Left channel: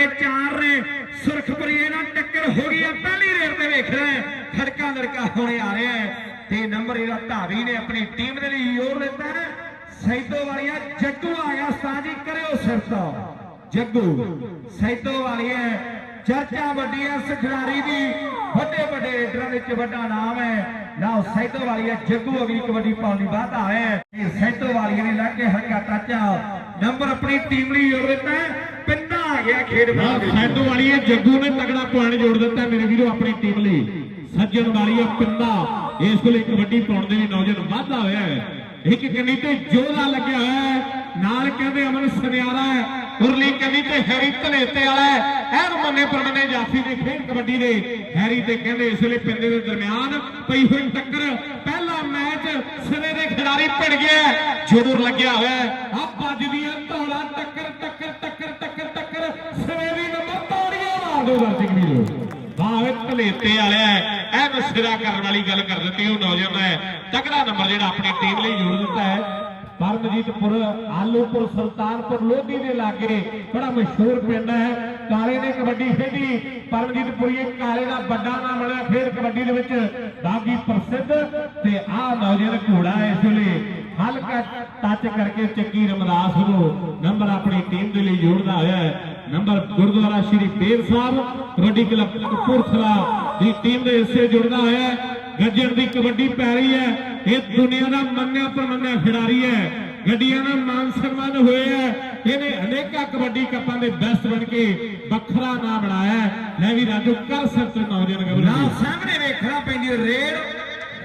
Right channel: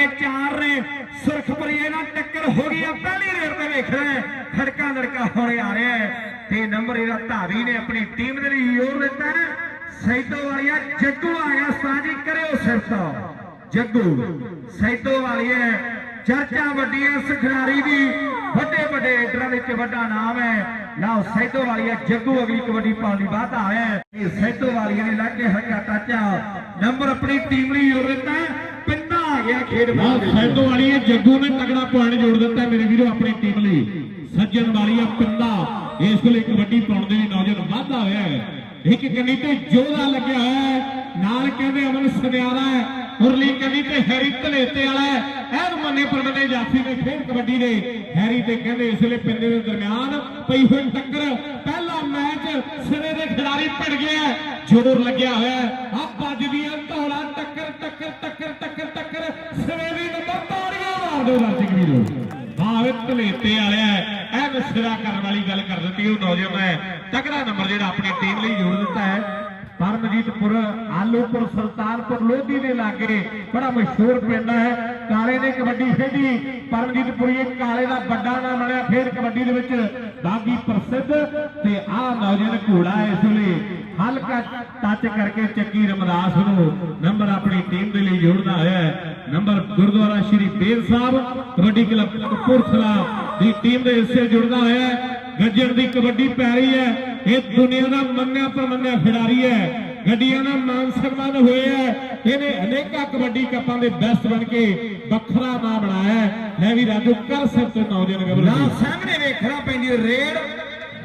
ਵਰਗੇ ਚਾਰ ਨੇ। ਸੁਰਖਪੁਰੀਏ ਨਾਲ ਟੱਕਰ ਹੋ ਗਈ ਆ, ਪਹਿਲੀ ਰੇਡ ਤੇ ਵੇਖ ਖੜਕਾ ਲੜਕਾ ਹੋਣੇ ਆ ਰਿਹਾ ਤੇ ਨੰਬਰ ਇਹਦਾ ਧਾਰੀ ਨੇ ਆਪਣੀ ਟੀਮ ਦੇ ਲਈ ਜ਼ੋਰ ਦਿੱਤਾ ਸੈਦੋ ਵਾਲੀਆ, ਜੱਗੂ ਆ ਸਾਜੀ ਕਰਿਓ ਸਿਫਤ ਜੱਗੂ, ਸੈਦੋ ਵਾਲੀਆ, ਚਰਚਾ ਵੱਡੀ ਹੈ ਇਸ ਖਿਡਾਰੀ ਦੀ ਵੱਡੇ ਵੱਡੇ ਰੇਡਰਾਂ ਵਿੱਚ ਵੱਡਾ ਨਾਮ ਹੈ। ਲਓ, ਸੈਦੋ ਵਾਲੀਆ, ਜੱਗੂ ਅਗਲੀ ਕਬੱਡੀ ਪਾਉਣ ਦੀ ਬਾਤ ਹੈ। ਇਹ ਸੈਦੋ ਵਾਲੀਆ ਨੇ ਲੱਗ ਕੇ ਹੱਕਾ ਟੱਚਾ। ਨੰਬਰ ਆਪਣੀ ਟੀਮ ਲਈ ਜ਼ੋਰ ਦਿੱਤਾ ਹੈ। ਗਿਆ ਖੇਡ ਬਾਹਰ ਸੈਦੋ ਵਾਲੀ ਜੱਗੂ ਨੇ ਤਗੜਾ ਪੁਆਇੰਟ ਜੋੜ ਦਿੱਤਾ ਮੇਰੇ ਵੀਰੋ ਆਪਣੀ ਟੀਮ ਲਈ। ਸੱਜਣ ਵਾਲੀ ਪਿੰਦਾ ਇਸ ਵੇਲੇ ਕਬੱਡੀ ਪਾਉਣ ਦੇ ਨੌਜਵਾਨ ਵਾਧਾ ਹੋਇਆ ਹੈ। ਇੱਕ ਕੰਨੀ ਤੇ ਜੋਰਾ ਲੱਗਿਆ ਹੋਇਆ ਹੈ। ਨਾਲ ਕਹਿੰਦੇ ਅਮਨ ਸੁਨਿਆਰਾ ਹੈ ਉਰਲੀ ਕੰਨੀ ਤੇ ਹੈਰੀ ਧਲੇਤੇ ਵਾਲਾ ਹੈ। ਐਨ ਮੰਨੇ ਪਰਮਨੇ ਜਾਫੀ ਦੇ ਖੇਡ ਕਬੱਡੀ ਦੇ। ਹੈਰੀ ਤੇ ਕਹਿੰਦੇ ਇਸ ਵੇਲੇ ਪਿੰਡੇ ਦੇ ਦਰਮਿਆਨ ਪਈ ਹੋਈ ਟੱਕਰ। ਪਹਿਲਾ ਮੈਚ ਸਿਰੇ ਦੇ ਖਿਡਾਰੀ ਭਿੜ ਗਿਆ। ਜੋਰ ਲੱਗਿਆ ਹੋਇਆ ਆ ਵੱਜਦੀਆਂ ਧੌਲਾ ਤਾੜੀਆਂ ਵੀਰੋ ਹਾਂ ਇਹ ਵਾਲਿਆ ਹੈ ਐਨ ਕਰਨ ਵਾਲੀ ਗੱਲ ਕਰ ਦਿੱਤੀ, ਉਹ ਨੌਜਵਾਨ ਹੈ। ਤਕੜਾ ਨੰਬਰ ਜਿਹੜਾ ਆਪਣੀ ਟੀਮ ਲਈ ਜੋੜ ਦਿੱਤਾ ਹੈ। ਪਰਮਜੀਤਪੁਰ, ਆਲੂਪੁਰ, ਸੁਲਤਾਨਪੁਰ, ਲੋਧੀ ਦੇ ਲਾਗੇ ਬੜਾ ਮਸ਼ਹੂਰ ਪਿੰਡ ਹੈ। ਕਾਲੇ ਨੇ ਕਬੱਡੀ ਖੇਡੀ। ਪਰਮਜੀਤਪੁਰੀ ਕਾਲੇ ਦਾ ਵੱਡਾ ਨਾਮ ਮਿਲਿਆ ਫੇਰ ਕਬੱਡੀ ਦੇ ਵਿੱਚ ਬਾਗੀ ਪ੍ਰਸਿੱਧ ਤੇ ਆਹ ਨੌਜਵਾਨ ਘੋੜਾ ਇਸ ਵੇਲੇ ਹਲਕਾ ਟੱਚ ਕਰਕੇ ਚੱਕੀ ਰਮਦਾਸ ਨੂੰ ਨੰਬਰ ਆਪਣੀ ਟੀਮ ਦੇ ਲਈ ਜੋੜਦਾ ਹੋਇਆ ਹੈ। ਨੰਬਰ ਗੁਰਦੁਆਰਾ ਸ਼੍ਰੀ ਬੇਰ ਸਾਹਿਬ, ਕਬੱਡੀ ਕਲੱਬ ਕਪੂਰਥਲਾ ਦੀ ਟੀਮ ਦੇ ਹਿੱਸੇ ਜੁੜਦਾ ਹੈ। ਗੱਜਣ ਦੀ ਕਬੱਡੀ ਪੈ ਰਹੀ ਹੈ। ਇਹ ਦੁਨੀਆ ਦਾ ਮੰਨਿਆ ਪ੍ਰਮੰਨਿਆ ਖਿਡਾਰੀ ਹੈ। ਗੱਡੀਆਂ ਦਾ ਮਾਨ ਸਨਮਾਨ ਹੋਏ ਹੈ। ਇਹਨੇ ਅਨੇਕਾਂ ਕਬੱਡੀ ਕੱਪਾਂ ਦੇ ਬੈਸਟ ਬਣ ਕੇ ਵੱਖਰਾ ਨਾਮ ਬਣਾਇਆ ਹੈ। ਵੀ ਰਾਜੂ, ਕਰ ਸਕਦੇ ਨੌਜਵਾਨ ਨਾ ਸਾਹਮਣੇ ਵੇਖਣਾ ਪੈਂਦੀ ਰੇਡ।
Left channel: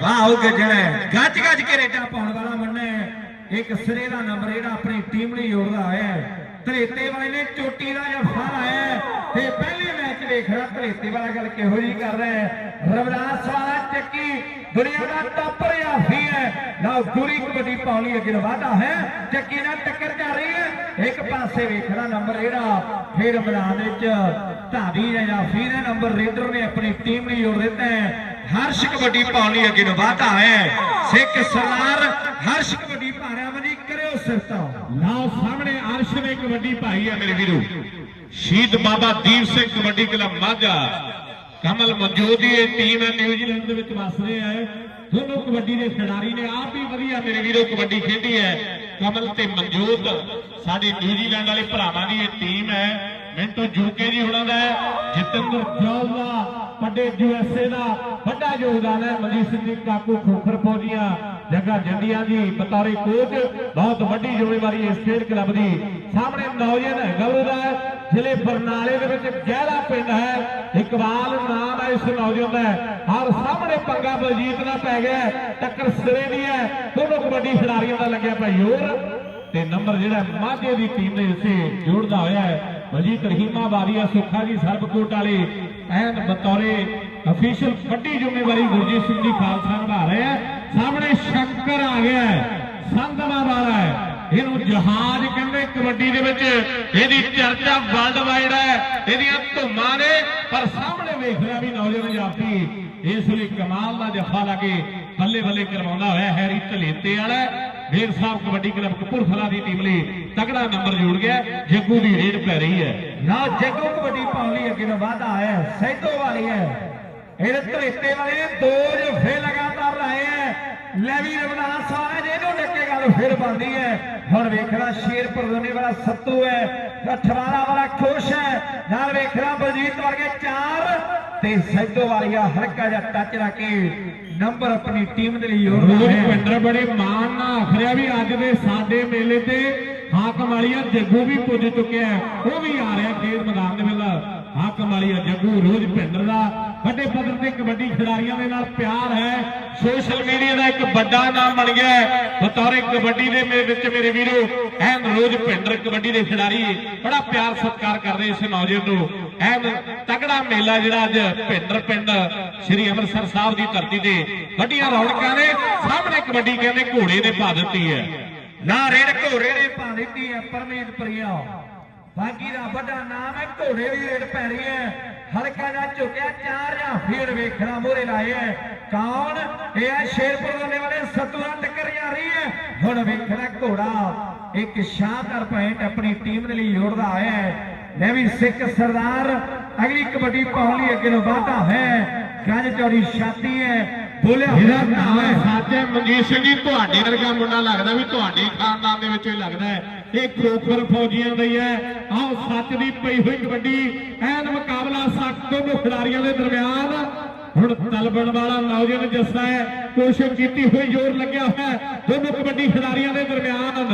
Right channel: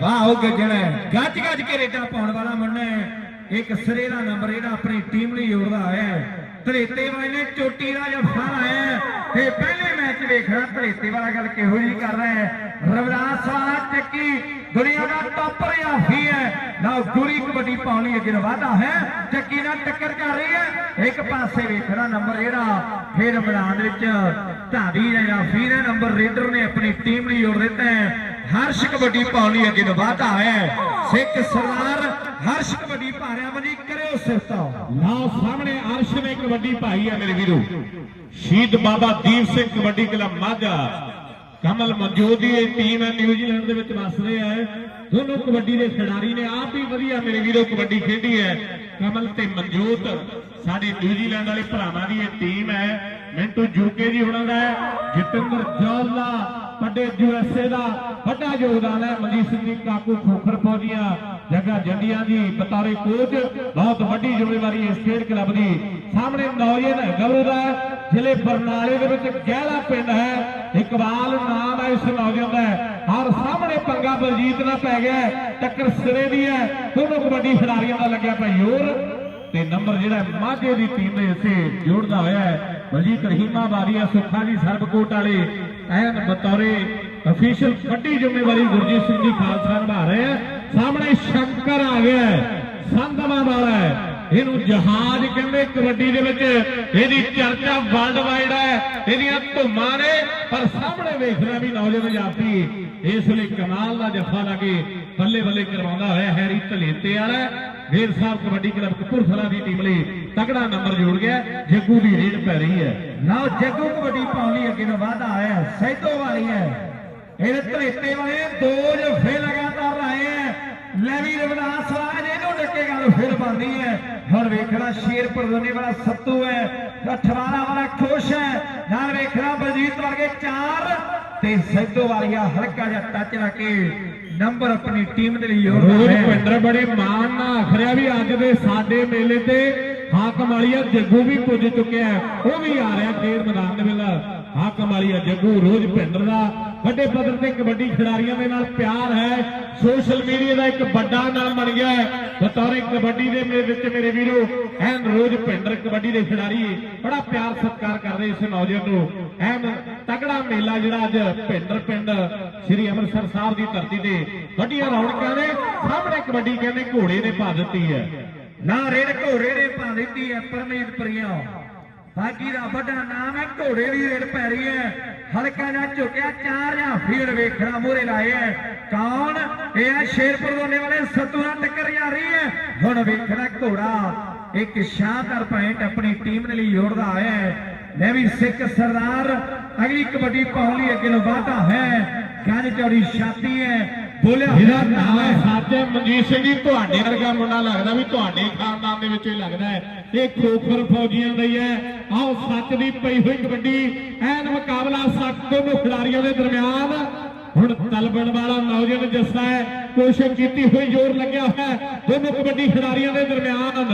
ਵਾਹ, ਉਹ ਗੱਜਣਾ ਗੱਜ ਗੱਜ ਕੇ ਰੇਡਾਂ ਪਾਉਣ ਵਾਲਾ ਮੰਨਣਾ ਇੱਕ ਸਿਰੇ ਦਾ ਨੰਬਰ ਜਿਹੜਾ ਆਪਣੀ ਟੀਮ ਨੇ ਜੋੜਦਾ ਹੋਇਆ ਹੈ। ਧਰੇਤੇ ਵਾਲੇ ਨੇ ਚੋਟੀ ਦਾ ਜਫਾ ਆਇਆ ਹੈ, ਤੇ ਪਹਿਲੇ ਮੈਚ ਵੇਖਣਾ ਧਰੇਤੇ ਵਾਲਾ ਗੱਲ ਕਿਹੋ ਜੀ ਕਰ ਰਿਹਾ ਹੈ। ਰਵਿਦਾਸ ਵਾਲਾ ਚੱਕੀ, ਦੁਨੀਆ ਦਾ ਟੌਪਰ ਆਫੀ ਹੈ। ਨਾ ਗੁਰੀ ਕਬੱਡੀ ਪਾਉਣ ਲਈ ਅੱਗੇ ਵਾਧਾ ਹੈ। ਚੱਕੀ ਨਾਲ ਟੱਕਰ ਕਰ ਰਹੀ ਹੈ। ਇੱਕ ਪਾਸੇ ਵੇਖਣਾ ਨੰਬਰ ਜਿਹੜਾ, ਫਿਰ ਮੈਦਾਨ ਵਿੱਚ ਧਾਰੀ ਨੇ ਆਫੀ ਨੇ ਨੰਬਰ ਰੇਡਰ ਨੇ ਆਪਣੀ ਟੀਮ ਲਈ ਜੋੜ ਦਿੱਤਾ ਹੈ। ਹਰਸ਼ ਕਬੱਡੀ ਪਾਉਣ ਲਈ ਅੱਗੇ ਵਾਧਾ ਹੈ। ਸਿੱਖ ਸਰਦਾਰ ਹਰਸ਼ ਕਬੱਡੀ ਭਾਰਿਆ ਮਨੀ ਕਰਿਓ ਸਿਫਤਾਂ। ਲਓ, ਸਾਹਮਣੇ ਅਰਸ਼ ਨੇ ਕਬੱਡੀ ਭਾਈ ਹੈ ਮੇਰੇ ਵੀਰੋ। ਸ਼ਹੀਦ ਬਾਬਾ ਦੀਪ ਸਿੰਘ ਕਬੱਡੀ ਕਲੱਬ ਮਾਝਾ। ਕਮਲ ਮਨਜੋਤ ਦੀ ਇਹ ਟੀਮ ਹੈ ਨਿਊਜ਼ੀਲੈਂਡ ਦੇ ਵਿੱਚ ਵੱਸਦੇ ਹੈ। ਦੋਨੋਂ ਕਬੱਡੀ ਦੇ ਖਿਡਾਰੀ ਨੇ ਆਪ ਹੀ ਵਧੀਆ ਮੇਰੇ ਵੀਰੋ ਕਬੱਡੀ ਖੇਡੀ ਹੈ। ਕਮਲ ਤੇ ਮਨਜੋਤ, ਸਾਡੇ ਨਿਊਜ਼ੀਲੈਂਡ ਵਾਲੇ ਭਰਾਵਾਂ ਦੀ ਇਹ ਟੀਮ ਹੈ। ਮਿੰਟੂ ਜੂਕੇ ਜੀ ਉਹਨਾਂ ਦਾ ਹੈ। ਜਤਿੰਦਰ ਜੋਲ ਦਾ, ਵੱਡੇ ਯੂਐਸਏ ਦਾ, ਵੱਡਾ ਯੋਗਦਾਨ ਹੈ। ਮਨਜੀਤ ਸਿੰਘ ਜੀ, ਕਾਕੂ ਖੋਖਰ ਪੌਦੀਆਂ ਜੱਗਾ ਜੰਡੀਆਂ ਦੀ, ਬਤੌਰੇ ਕੋਚ ਬਹੁਤ ਵੱਡੀ ਜ਼ਿੰਮੇਵਾਰੀ ਇਸ ਖੇਡ ਕਲੱਬ ਦੀ। ਸਾਹਮਣੇ ਨੌਜਵਾਨ ਹੈ ਦਾ ਜ਼ਿਲ੍ਹੇ ਬਰਨਾਲੇ ਦੇ ਵਿੱਚ ਗਹਿਲਾ ਪਿੰਡ ਹੈ। ਇਕਬਾਲ ਨਾਮ ਹੈ ਇਸ ਨੌਜਵਾਨ ਦਾ। ਔਰ ਸਾਹਮਣੇ ਪੰਗਾ ਬਲਜੀਤ ਨਾਲ ਪੈ ਗਿਆ ਟੱਕਰ ਸਿਰੇ ਦੀ ਹੈ। ਦੋਨੋਂ ਕਬੱਡੀ ਖਿਡਾਰੀਆਂ ਦਾ ਲੱਗਿਆ ਪਿਆ ਜ਼ੋਰ। ਤੇ ਨੰਬਰ ਜਿਹੜਾ ਮਾਝੇ ਦੀ ਟੀਮ ਦੇ ਹਿੱਸੇ ਜੋੜਦਾ ਹੋਇਆ ਹੈ। ਬਲਜੀਤ ਰਹੀਮਾ ਬਾਰੀਆ ਸੁੱਖਾ ਜੀ ਸਰਬਕੋਟ ਵਾਲੇ। ਐਨ ਬਤੌਰੇ ਅਫੀਸ਼ੀਅਲ ਵੱਡੀ ਜ਼ਿੰਮੇਵਾਰੀ ਗੁਰਜੀਤ ਸਿੰਘ ਜੀ ਖਾਲਸਾ ਨਿਭਾ ਰਹੇ ਆ ਸਾਹਮਣੇ ਸ਼ੰਕਰ ਆ ਗਿਆ ਹੈ, ਸੰਧਵਾ ਵਾਲਾ ਹੈ। ਇਹਨੂੰ ਜਹਾਜ਼ ਕਹਿੰਦੇ, ਕਬੱਡੀ ਦੇ ਵਿੱਚ ਇਹਦੀ ਚਰਚਾ ਵਰਲਡ ਵਾਈਡ ਹੈ, ਇਹਦੀਆਂ ਧੁੰਮਾਂ ਨੇ, ਪਰ ਸਾਹਮਣੇ ਵੇਖਣਾ ਵੀ ਨੌਜਵਾਨ ਜਾਫੀ ਇਸ ਵੇਲੇ ਕਮਾਲ ਦਾ ਜਫਾ ਲਾਗੇ ਬੱਲੇ ਬੱਲੇ ਕਰਵਾਉਂਦਾ ਹੋਇਆ ਹੈਰੀ ਧਲੇਤੇ ਵਾਲਾ। ਢੇਰ ਸਾਹਿਬ ਕਬੱਡੀ ਕਲੱਬ ਕਪੂਰਥਲਾ ਦੀ ਟੀਮ ਲਈ ਤਗੜਾ ਨੰਬਰ ਜੋੜ ਗਿਆ। ਜੱਗੂ ਦੀ ਰੇਡ ਪੈ ਰਹੀ ਹੈ। ਨਾ ਜੱਗੂ ਕਬੱਡੀ ਪਾਉਣ ਲਈ ਅੱਗੇ ਵਾਧਾ ਹੈ। ਸੈਦੋ ਵਾਲੀ ਹੈ। ਇਹ ਧਰੇਤੇ ਵਾਲੇ ਦੋ ਜਫੇ ਲਗਾਤਾਰ ਰਹੇ ਹੈ। ਲੈ ਵੀ ਰਵਿਦਾਸ ਵਾਲਾ ਜਿਹਨੂੰ ਡੱਕੇ ਗੱਲ ਫਿਰ ਬਣਦੀ ਹੈ ਹੁਣ ਵੇਖਣਾ ਸ਼ੇਰਪੁਰ ਦੋਨੇ ਵਾਲਾ ਸੱਤੂ ਹੈ ਅਠਵਾਰਾ ਵਾਲਾ ਖੁਸ਼ ਹੈ ਨਾਲ ਵੇਖਣਾ ਬਲਜੀਤ ਵਰਗੇ ਚਾਰ। ਤੇ ਸੈਦੋ ਵਾਲੀਆ ਹਲਕਾ ਜਿਹਾ ਟੱਚ ਲਾ ਕੇ ਨੰਬਰ ਆਪਣੀ ਟੀਮ ਦੇ ਲਈ ਪਿੰਡਰ ਬੜੇ ਮਾਣ ਨਾਲ ਆਖਰਿਆ ਵੀ ਅੱਜ ਦੇ ਸਾਡੇ ਮੇਲੇ ਤੇ ਹਾਕਮ ਵਾਲੀਆ ਜੱਗੂ ਵੀ ਪੁੱਜ ਚੁੱਕਿਆ। ਉਹ ਵੀ ਆ ਰਿਹਾ ਖੇਡ ਮੈਦਾਨ ਹਾਕਮ ਵਾਲੀਆ ਜੱਗੂ, ਰੋਜ਼ ਪਿੰਡਰ ਦਾ, ਵੱਡੇ ਪੱਧਰ ਤੇ ਕਬੱਡੀ ਖਿਡਾਰੀਆਂ ਦੇ ਨਾਲ ਪਿਆਰ ਹੈ। ਸੋਸ਼ਲ ਮੀਡੀਆ ਦਾ ਇੱਕ ਵੱਡਾ ਨਾਮ ਬਣ ਗਿਆ ਬਤੌਰੇ ਕਬੱਡੀ ਦੇ ਮੇਰੇ ਵਿੱਚ ਮੇਰੇ ਵੀਰੋ, ਐਨ ਰੋਜ਼ ਪਿੰਡਰ ਕਬੱਡੀ ਦੇ ਖਿਡਾਰੀ ਬੜਾ ਪਿਆਰ ਸਤਿਕਾਰ ਕਰਦੇ ਇਸ ਨੌਜਵਾਨ ਨੂੰ। ਐਨ ਤਗੜਾ ਮੇਲਾ ਜਿਹੜਾ ਅੱਜ ਪਿੰਡਰ ਪਿੰਡ ਸ੍ਰੀ ਅੰਮ੍ਰਿਤਸਰ ਸਾਹਿਬ ਦੀ ਧਰਤੀ ਤੇ ਵੱਡੀਆਂ ਰੌਣਕਾਂ ਨੇ, ਸਾਹਮਣੇ ਕਬੱਡੀ ਕਹਿੰਦੇ ਘੋੜੇ ਨੇ ਪਾ ਦਿੱਤੀ ਹੈ। ਨਾ ਰੇਡ ਘੋੜੇ ਨੇ ਪਾ ਦਿੱਤੀ ਹੈ ਪਰਮੇਤ ਪ੍ਰਿਆ। ਬਾਕੀ ਦਾ ਵੱਡਾ ਨਾਮ ਹੈ ਘੋੜੇ ਦੀ ਰੇਡ ਪੈ ਰਹੀ ਹੈ। ਹਲਕਾ ਨਾ ਝੁਕਿਆ ਚਾਰ ਜਾਂ ਫੇਰ ਵੇਖਣਾ ਮੂਹਰੇ ਲਾਏ ਹੈ। ਕੌਣ? ਇਹ ਹੈ ਸ਼ੇਰਪੁਰ ਵਾਲੇ ਵਾਲੇ ਸੱਤੂ ਨਾਲ ਟੱਕਰ ਜਾ ਰਹੀ ਹੈ। ਹੁਣ ਵੇਖਣਾ ਘੋੜਾ ਇੱਕ ਸ਼ਾਨਦਾਰ ਪੁਆਇੰਟ ਆਪਣੀ ਟੀਮ ਦੇ ਲਈ ਜੋੜਦਾ ਹੈ। ਮੈਂ ਵੀ ਸਿੱਖ ਸਰਦਾਰ ਅਗਲੀ ਕਬੱਡੀ ਪਾਉਣ ਲਈ ਅੱਗੇ ਨੂੰ ਵਾਧਾ ਹੈ। ਗੱਜ ਚੌੜੀ ਛਾਤੀ ਹੈ ਬੋਲਿਆ ਹੋਇਆ ਨਾਮ ਹੈ ਹੈ। ਸਾਜਾ ਮਨਜੀਤ ਸਿੰਘ ਜੀ ਤੁਹਾਡੇ ਵਰਗਾ ਮੁੰਡਾ ਲੱਗਦਾ ਵੀ ਤੁਹਾਡੇ ਖਾਨਦਾਨ ਦੇ ਵਿੱਚੋਂ ਹੀ ਲੱਗਦਾ ਹੈ। ਇਹ ਖੋਖਰ ਫੌਜੀਆਂ ਦੀ ਹੈ। ਆਓ ਸੱਚ ਦੀ ਪਈ ਹੋਈ ਕਬੱਡੀ, ਐਨ ਮੁਕਾਬਲਾ ਸੱਤ ਖਿਡਾਰੀਆਂ ਦੇ ਦਰਮਿਆਨ। ਹੁਣ ਤਲਬਣ ਵਾਲਾ ਨੌਜਵਾਨ ਜੱਸਾ ਹੈ, ਕੋਸ਼ਿਸ਼ ਕੀਤੀ ਹੋਈ, ਜ਼ੋਰ ਲੱਗਿਆ ਹੋਇਆ ਦੋਨੋਂ ਕਬੱਡੀ ਖਿਡਾਰੀਆਂ ਦੇ ਦਰਮਿਆਨ।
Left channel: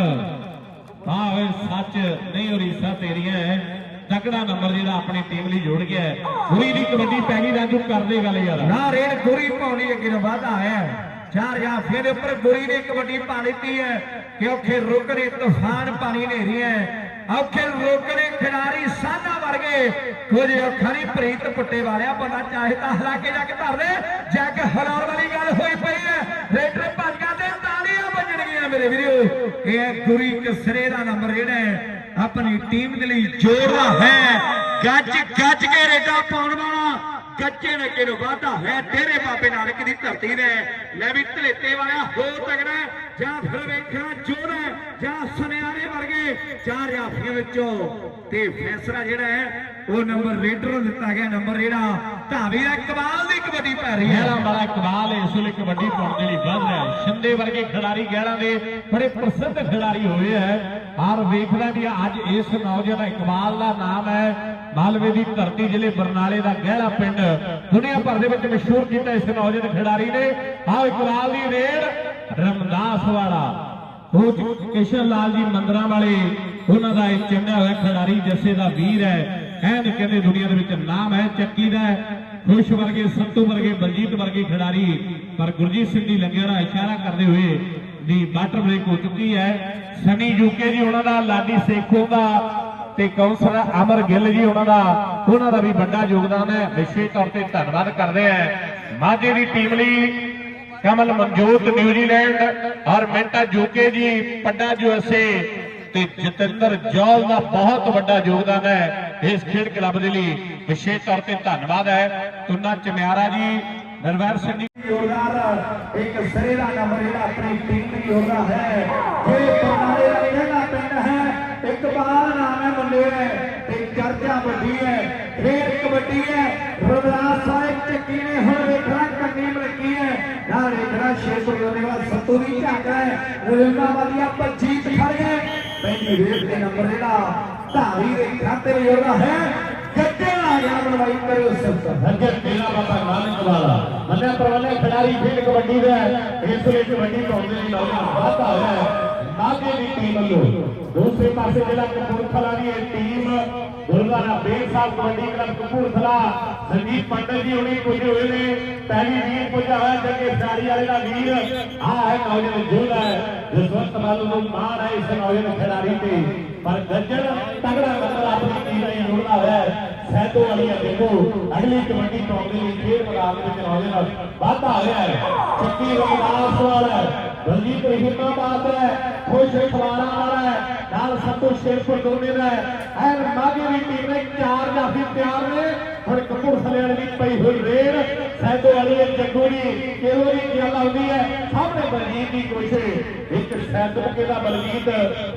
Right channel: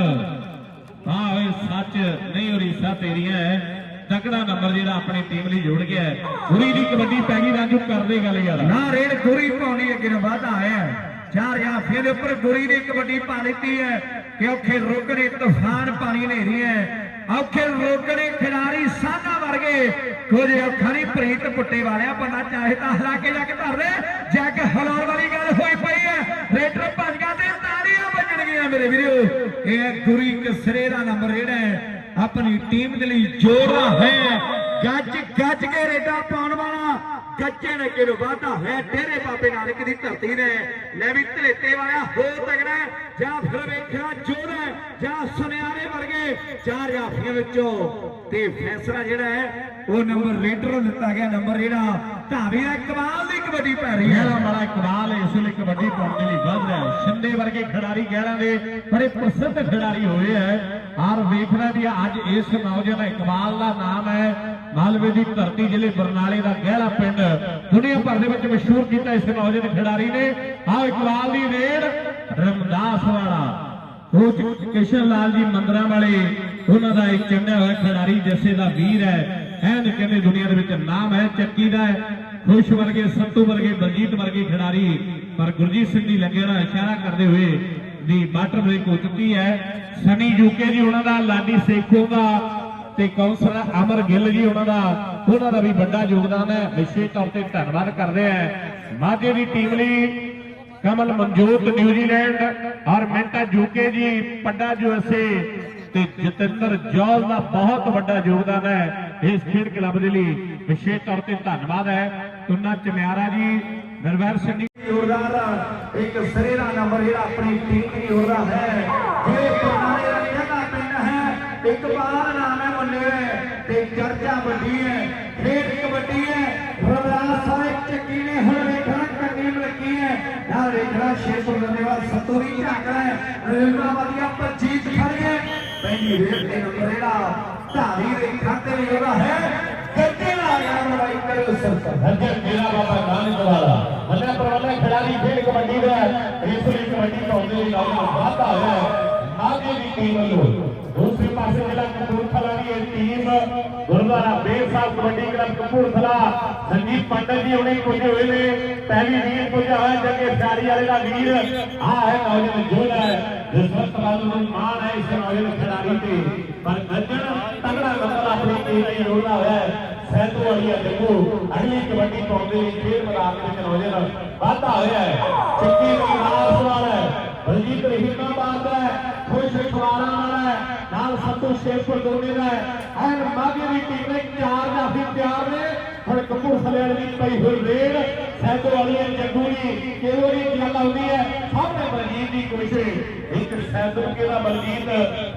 ਹਾਂ ਓਏ, ਸੱਚ ਨਹੀਂ ਉਰੀਸਾ ਤੇਰੀਆਂ ਹੈ। ਤਕੜਾ ਨੰਬਰ ਜਿਹੜਾ ਆਪਣੀ ਟੀਮ ਲਈ ਜੋੜ ਗਿਆ ਹੈ। ਪੂਰੀ ਦੀ ਕਬੱਡੀ ਪੈ ਗਈ ਰਾਜੂ ਕਰਦੇ ਗੱਲ ਯਾਰ। ਨਾ, ਰੇਡ ਗੁਰੀ ਪਾਉਣੀ ਅੱਗੇ ਨੂੰ ਵਾਧਾ ਆਇਆ ਚਾਰ ਜਾਂ ਫਿਰ ਉੱਪਰ ਗੁਰੀ ਨੇ ਕਬੱਡੀ ਪਾ ਦਿੱਤੀ ਹੈ ਕਿ ਔਖੇ ਰੋਕੜੇ ਤੂਫਾਨ ਪਾਣੀ ਨੇਰੀ ਹੈ। ਔਖੇ ਰੋਕੜੇ ਖਿਡਾਰੀ ਸਾਨਾ ਵਰਗੇ। ਕੁਝ ਔਖਾ ਨਹੀਂ ਪ੍ਰੀਤ ਪੁੱਟੇ ਵਾਲਿਆ, ਬੰਦਾ ਚਾਹੇ ਤਾਂ ਹਲਾ ਕੇ ਜਾ ਕੇ ਧਰ ਦੇ। ਜੱਗ ਹਲਾਉਣ ਵਾਲੀ ਗੱਲ ਹੋਈ ਪਈ ਹੈ। ਰੇਡਰ ਭੱਜ ਗਿਆ ਤੇ ਤਾਲੀਆਂ ਵੱਜਣਗੀਆਂ ਮੇਰੇ ਵੀਰੋ। ਇਹ ਗੁਰੀ ਕਸਰੇ ਦਾ ਨੰਬਰ ਜਿਹੜਾ ਹੈ। ਆਪਣੀ ਟੀਮ ਦੇ ਲਈ ਜੋੜਦਾ ਹੈ। ਗੱਜ ਗੱਜ ਕੇ ਰੇਡਾ ਪਾਉਣ ਵਾਲਾ ਗੱਜੇ ਨੱਕੇ ਨੂੰ ਵਾਧਾ ਹੈ ਤੇਰੇ ਬਾਬੇ ਨਾਨਕ ਦੀ ਧਰਤੀ ਦੇ ਲੈ ਵੀ ਧਰੇਤੇ ਵਾਲਾ ਹੋ ਤਗੜਾ ਜਾਂ ਫਿਰ ਵੇਖਿਆ ਜੋਰ ਹੈ, ਜਾਂ ਸੁਨਿਆਰੇ ਵਰਗੇ ਚਾਰ ਜਾਫੀਆਂ ਵਿੱਚੋਂ। ਤੇ ਫੈਸਲਾ ਜਿਹੜਾ ਹੈ, ਉਹ ਨੰਬਰ ਰੇਡਰ ਨੂੰ ਦਿੱਤਾ ਗਿਆ, ਨੰਬਰ ਜਿਹੜਾ ਢਾਬੀ ਦਾ ਕਮਾਲ ਦੀ ਕਬੱਡੀ ਪੈ ਰਹੀ ਹੈ। ਵਾਲਾ ਇਕਬਾਲ ਇਸ ਵੇਲੇ ਕਬੱਡੀ ਪਾਉਣ ਦੇ ਲਈ ਵੱਧ ਰਿਹਾ ਹੈ। ਸ਼ਿੰਦੇ ਵਰਗੇ ਖਿਡਾਰੀ ਗਹਿਣਾ ਦੇ ਬੜੇ ਪ੍ਰਸਿੱਧ ਖਿਡਾਰੀ ਹੋਏ ਹੈ। ਔਰ ਵੇਖਦਾ ਜੀ ਅੱਜ ਇਸ ਨੌਜਵਾਨ ਇਕਬਾਲ ਦਾ ਨਾਮ ਹੈ ਮਾਲਵੇ ਦੀ ਧਰਤੀ ਜ਼ਿਲ੍ਹੇ ਬਰਨਾਲੇ ਦਾ ਗਹਿਲਾ ਪਿੰਡ। ਦੁਨੀਆ ਭਰ ਦੇ ਵਿੱਚ ਮਸ਼ਹੂਰ ਕੀਤਾ ਇਸ ਨੌਜਵਾਨ ਖਿਡਾਰੀ ਨੇ। ਆਹ ਇਕਬਾਲ ਦੀ ਰੇਡ ਰਮਦਾਸ ਵਾਲਾ। ਉਹ ਕਿਸ਼ਨ ਲਾਲ ਜੀ ਮੰਦਰਾਂ ਵਾਲੇ। ਉਹਨਾਂ ਦਾ ਇੱਕ ਚੰਗਾ ਹੋਇਆ ਖਿਡਾਰੀ ਜੱਸੇ ਦਾ ਵੀਰ ਹੈ। ਐਨ ਕਹਿੰਦੇ ਦੁਨੀਆ ਦੇ ਵਿੱਚ ਨਾਮ ਹੈ, ਚੱਕੀ ਦਾ ਖੁਸ਼ ਵਰਗੇ, ਸੱਤੂ ਵਰਗੇ, ਬਲਜੀਤ ਵਰਗੇ ਖਿਡਾਰੀ। ਪਰ ਗੁਰਜੀਤ ਸਿੰਘ ਜੀ ਲੱਗਿਆ ਦਾ ਇਸ਼ਾਰਾ ਕਰਦੇ ਹੋਏ ਦੀ ਬਾਟਰ ਬ੍ਰੇਕ ਹੋ ਚੁੱਕੀ ਹੈ। ਸਨੀ ਯੂਕੇ ਜੀ, ਉਹਨਾਂ ਦਾ, ਲਾਡੀ ਸੇਖੋ ਦਾ। ਤੇ ਕੌਂਸਲਰ ਅਮਰ ਗਿੱਲ ਜੀ, ਉਹਨਾਂ ਦਾ ਉਹਨਾਂ ਦਾ ਵੀ ਵੱਡਾ ਯੋਗਦਾਨ ਹੈ। ਵਿਸ਼ੇਸ਼ ਤੌਰ ਤੇ ਧੰਨਵਾਦ ਕਰਦੇ ਆ ਮਾਝੇ ਦੀ ਟੀਮ ਲਈ ਕਮਲ ਮਨਜੋਤ, ਨਿਊਜ਼ੀਲੈਂਡ ਔਰ ਮਿੰਟਾ ਯੂਕੇ ਜੀ ਪੱਡਾ ਯੂਐਸਏ ਤੇ ਜਤਿੰਦਰ ਜੌਲ ਦਾ ਬਹੁਤ ਵੱਡਾ ਯੋਗਦਾਨ ਹੈ ਇਸ ਖੇਡ ਕਲੱਬ ਦੇ ਲਈ। ਵਿਸ਼ੇਸ਼ ਤੌਰ ਤੇ ਧੰਨਵਾਦ ਹੈ। ਤੁਨਾ ਚਮਿਆਰਾ ਜੀ, ਨਰਵੈਰ ਸਿੰਘ ਜੀ ਜੋਰਦਾਰ ਇੱਕ ਸਿਰੇ ਦਾ ਨੰਬਰ ਜਿਹੜਾ ਆਪਣੀ ਟੀਮ ਦੀ ਜੋੜਦਾ ਹੈ। ਜਿਹੜੇ ਪਰਨਾਲੇ ਦਾ ਜਿਹੜਾ ਪਿੰਡ ਹੈ। ਇੱਕ ਹੈ ਸਾਹਿਬ ਚੱਕੀ ਨੇ, ਹੁਣ ਵੇਖਣਾ ਕੰਨੀ ਮਲਕੀ ਹੈ। ਨਾਲ ਵੇਖਣਾ ਸ਼ੇਰ ਬਣਾਉਣੇ ਵਾਲਾ ਸੱਤੂ ਵੀ ਝਾਕ ਹੈ। ਰਜਿੰਦਾ ਵਧੀਆ ਪਰਜੀਤ ਖੜ ਗਏ ਪਹਿਲੀ ਵੇਰ ਦੇ ਨੰਬਰ ਜਿਹੜਾ ਧਾਰੀ ਰੇਖਾ ਤੇ ਜੋੜਦਾ ਹੈ। ਜਸਵੰਤ ਨੂੰ ਮਾਣ ਹੈ ਇਸ ਨੌਜਵਾਨ ਖਿਡਾਰੀ ਤੇ। ਪਰ ਗੱਜਣ ਤਗੜਾ ਮਤਲਬ ਆਪਣੀ ਟੀਮ ਲਈ ਜੋੜਦਾ ਹੋਇਆ ਸੈਦੋ ਵਾਲੀ ਦੇਖੋ, ਅਗਲੀ ਕਬੱਡੀ ਪਾਉਂਦੇ ਲਈ ਫੇਰ ਬੜਾ ਇੱਕ ਨੌਜਵਾਨ ਵਾਧਾ ਆ ਰਿਹਾ ਹੈ। ਚੱਕੀ ਦੀ ਲਾਸ ਵਾਲਾ ਹੈ। ਬਲਜੀਤ ਰਹਿਮਾ ਬਾਤ ਹੈ। ਖੁਸ਼ ਖਵਾਰਾ ਵਾਲਾ ਹੈ। ਨਾਲ ਸੱਤੂ ਸ਼ੇਰਪੁਰ ਦੋਨੇ ਦਾ ਹੈ। ਐਨ ਮਾਗੇ ਦੀ ਟੀਮ ਨੇ ਚਾਰ ਜਾਫੀ ਤਿਆਰ ਨੇ। ਹੁਣ ਕਪੂਰਥਲੇ ਵਾਲੀ ਪਈ ਹੋਈ ਰੇਡ। ਸੈਦੋ ਵਾਲੀ ਹੈ ਜੱਗੂ ਦੀ ਕਿਹੋ ਜੀ ਗੱਲ ਆਉਂਦੀ ਹੈ ਸਾਹਮਣੇ ਬਲਜੀਤ ਦੀ ਕੋਸ਼ਿਸ਼ ਇੱਕ ਸੈਦੋ ਕੇ ਦਾ ਬਲਜੀਤ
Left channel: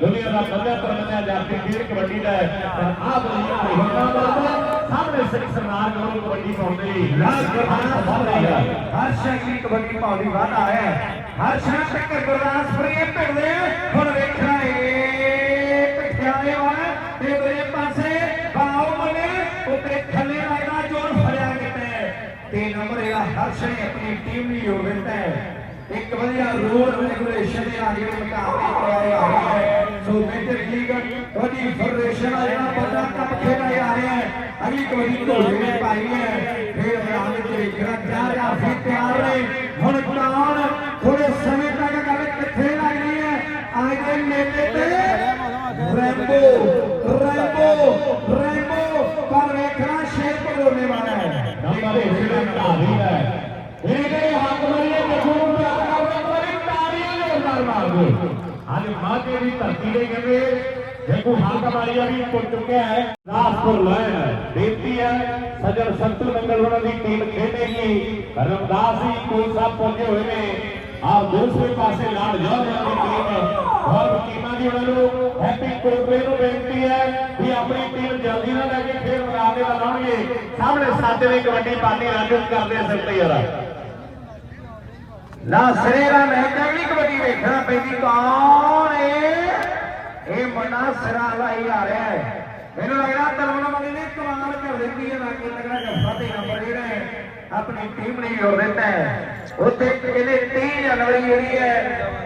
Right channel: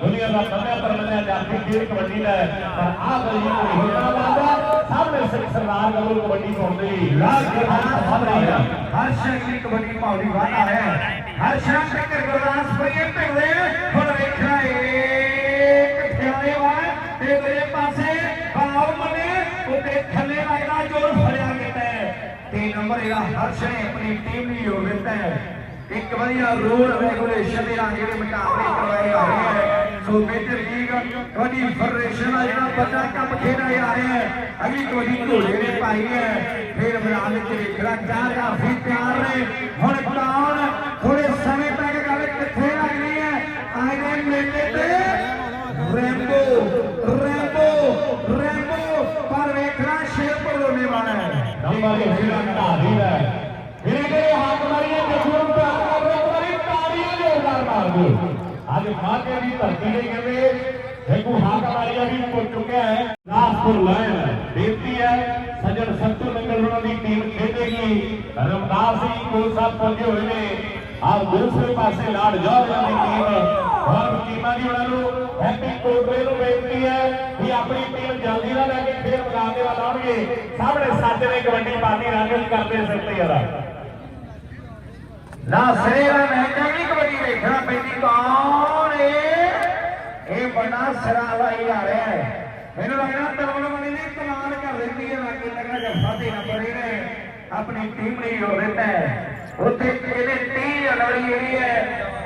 ਦੁਨੀਆ ਦਾ ਮੰਨਿਆ ਪਰਮਿਆ ਜਾਫੀ ਖੇਡ ਕਬੱਡੀ ਦਾ ਹੈ ਪਰ ਆ ਬਲਜੀਤ ਦੀ ਹਿੰਮਤ ਕਰਦਾ ਸਾਹਮਣੇ ਸਿਰ ਸਰਦਾਰ ਵੱਲੋਂ ਕਬੱਡੀ ਪਾਉਂਦੀ ਰਾਜ ਗੁਰਦਾਸ ਸਾਹਮਣੇ ਹਰ ਸ਼ਕਲੀ ਕਬੱਡੀ ਪਾਉਣੀ ਵਾਲਾ ਹੈ ਹਰ ਸ਼ਕਲ ਤੇ ਗੁਰਦਾਸਪੁਰੀ ਇਹ ਭਿੜਦੇ ਹੁਣ ਵੇਖਣਾ ਇੱਕ ਖਿਆਲੇ ਵਾ ਤੇ ਉਹਦੇ ਪਾਸੇ ਬਾਉ ਜਿਹੜਾ ਹਰਸ਼ ਨੇ ਆਪਣੀ ਟੀਮ ਨੂੰ ਜੋੜ ਦਿੱਤਾ ਹੈ। ਇੱਕ ਵਧੀਆ ਰੂਲ ਰੈਗੂਲੇਸ਼ਨ ਦੇ ਨਾਲ ਜਿਹੜੇ ਮੁਕਾਬਲੇ ਕਰਵਾਏ ਆ ਰਹੇ ਹੈ। So major league kabaddi federation ਦਾ ਜਿਹੜਾ ਵੱਡਾ ਕੱਪ ਖੇਡਿਆ ਜਾ ਰਿਹਾ ਹੈ, ਅਗਲੀ ਕਬੱਡੀ ਘੋੜੇ ਨੇ ਪਾਈ ਹੈ। ਫਿਰ ਮੈਦਾਨ ਵਿੱਚ ਵੇਖਣਾ ਚਾਹ ਰਿਹਾ, ਫਿਰ ਤਿਆਰ ਨੇ। ਹੁਣ ਕੌਣ ਥੋੜੇ ਸਮੇਂ ਤੱਕ ਗੱਲ ਕਿੱਥੇ ਲੱਗਣੀ ਹੈ ਆਏ ਦੇ ਮੇਲੇ ਤੇ ਰੈਂਬੋ ਰੈਂਬੋ ਰੈਂਬੋ ਪਰ ਵੇਖਣਾ ਸ਼ੇਰ ਕੋਲੋਂ ਵਾਲਾ ਹੈ ਨੰਬਰ ਜਿਹੜਾ ਢਾਬੀ ਹੈ ਇਹਦੇ ਹੱਥ ਮਰੀਏ ਤੇ ਗੁਰੂ ਤੇ ਹੱਥ ਕਰਦੇ ਕੋਈ ਤਾੜੀਆਂ ਜੋਰਦਾਰ ਮਾਰ ਦੋ ਅੱਜ ਮਾਝੇ ਦੀ ਧਰਤੀ ਨੇ ਕਹਿੰਦੇ ਦੇਖੋ ਹਾਕ ਮਾਰੀਆ ਵੀ ਟੁੱਟ ਚੁੱਕਿਆ ਹੈ ਰਾਸਪੁਰ ਲਾਇਆ ਬੇਨਤੀ ਹੈ, ਸਜਣ ਸੰਤੂ ਨੰਗਲ ਉਹਨਾਂ ਦੀ ਟੀਮ ਖੇਡੇਗੀ। ਰਮਦਾਸ ਜੀ ਕੋਲ ਸਾਹਿਬ ਪਹੁੰਚੇ ਹੋਏ ਨੇ। ਆਪ ਦੂਸਰੇ ਪਾਸੇ ਲਾਡ ਜਾ ਦੀ ਟੀਮ। ਔਰ ਟੀਮਾਂ ਦੀ ਉਹਨਾਂ ਨੂੰ ਹੈਪੀ ਕੋਟਲੇ ਨੂੰ ਬੇਨਤੀ ਹੈ ਵੀ ਆਪਣੀ ਟੀਮ ਜਲਦੀ ਨਾਲ ਨੇ ਸਾਹਮਣੇ ਸਾਜੇ ਨੇ ਕਬੱਡੀ ਪਾਣੀ ਲਾਗੂ ਕਰਦੇ ਸਿਰ ਤੇ ਯਾਰ ਨਾ ਸਿਰੇ ਦਾ ਮੈਚ ਹੈ, ਨਹੀਂ ਕਬੱਡੀ ਵੇਖਣਾ ਪੈਂਦੀ, ਕੌਣ ਏ ਇਹ ਬੰਦਾ ਸਿਰਾ ਵਾਲਾ ਹੀ ਆ ਰਿਹਾ ਹੈ। ਮੈਨੂੰ ਲੱਗਦਾ ਤਲਵਣ ਮੰਗੇ ਨੇ ਕਮਾਲ ਕਰ ਦਿੱਤੀ ਹੈ ਲਾਗੇ ਲੱਗਾ ਕਿ ਫਾਟੇ ਨੰਬਰ ਜਿਹੜਾ ਹੈ ਆਪਣੀ ਟੀਮ ਨੇ ਜੋੜ ਦਿੱਤਾ ਹੈ। ਉੱਥੇ ਇਹਨੇ 30 ਅਗਲੀ ਜਿਹੜੀ ਹੈ,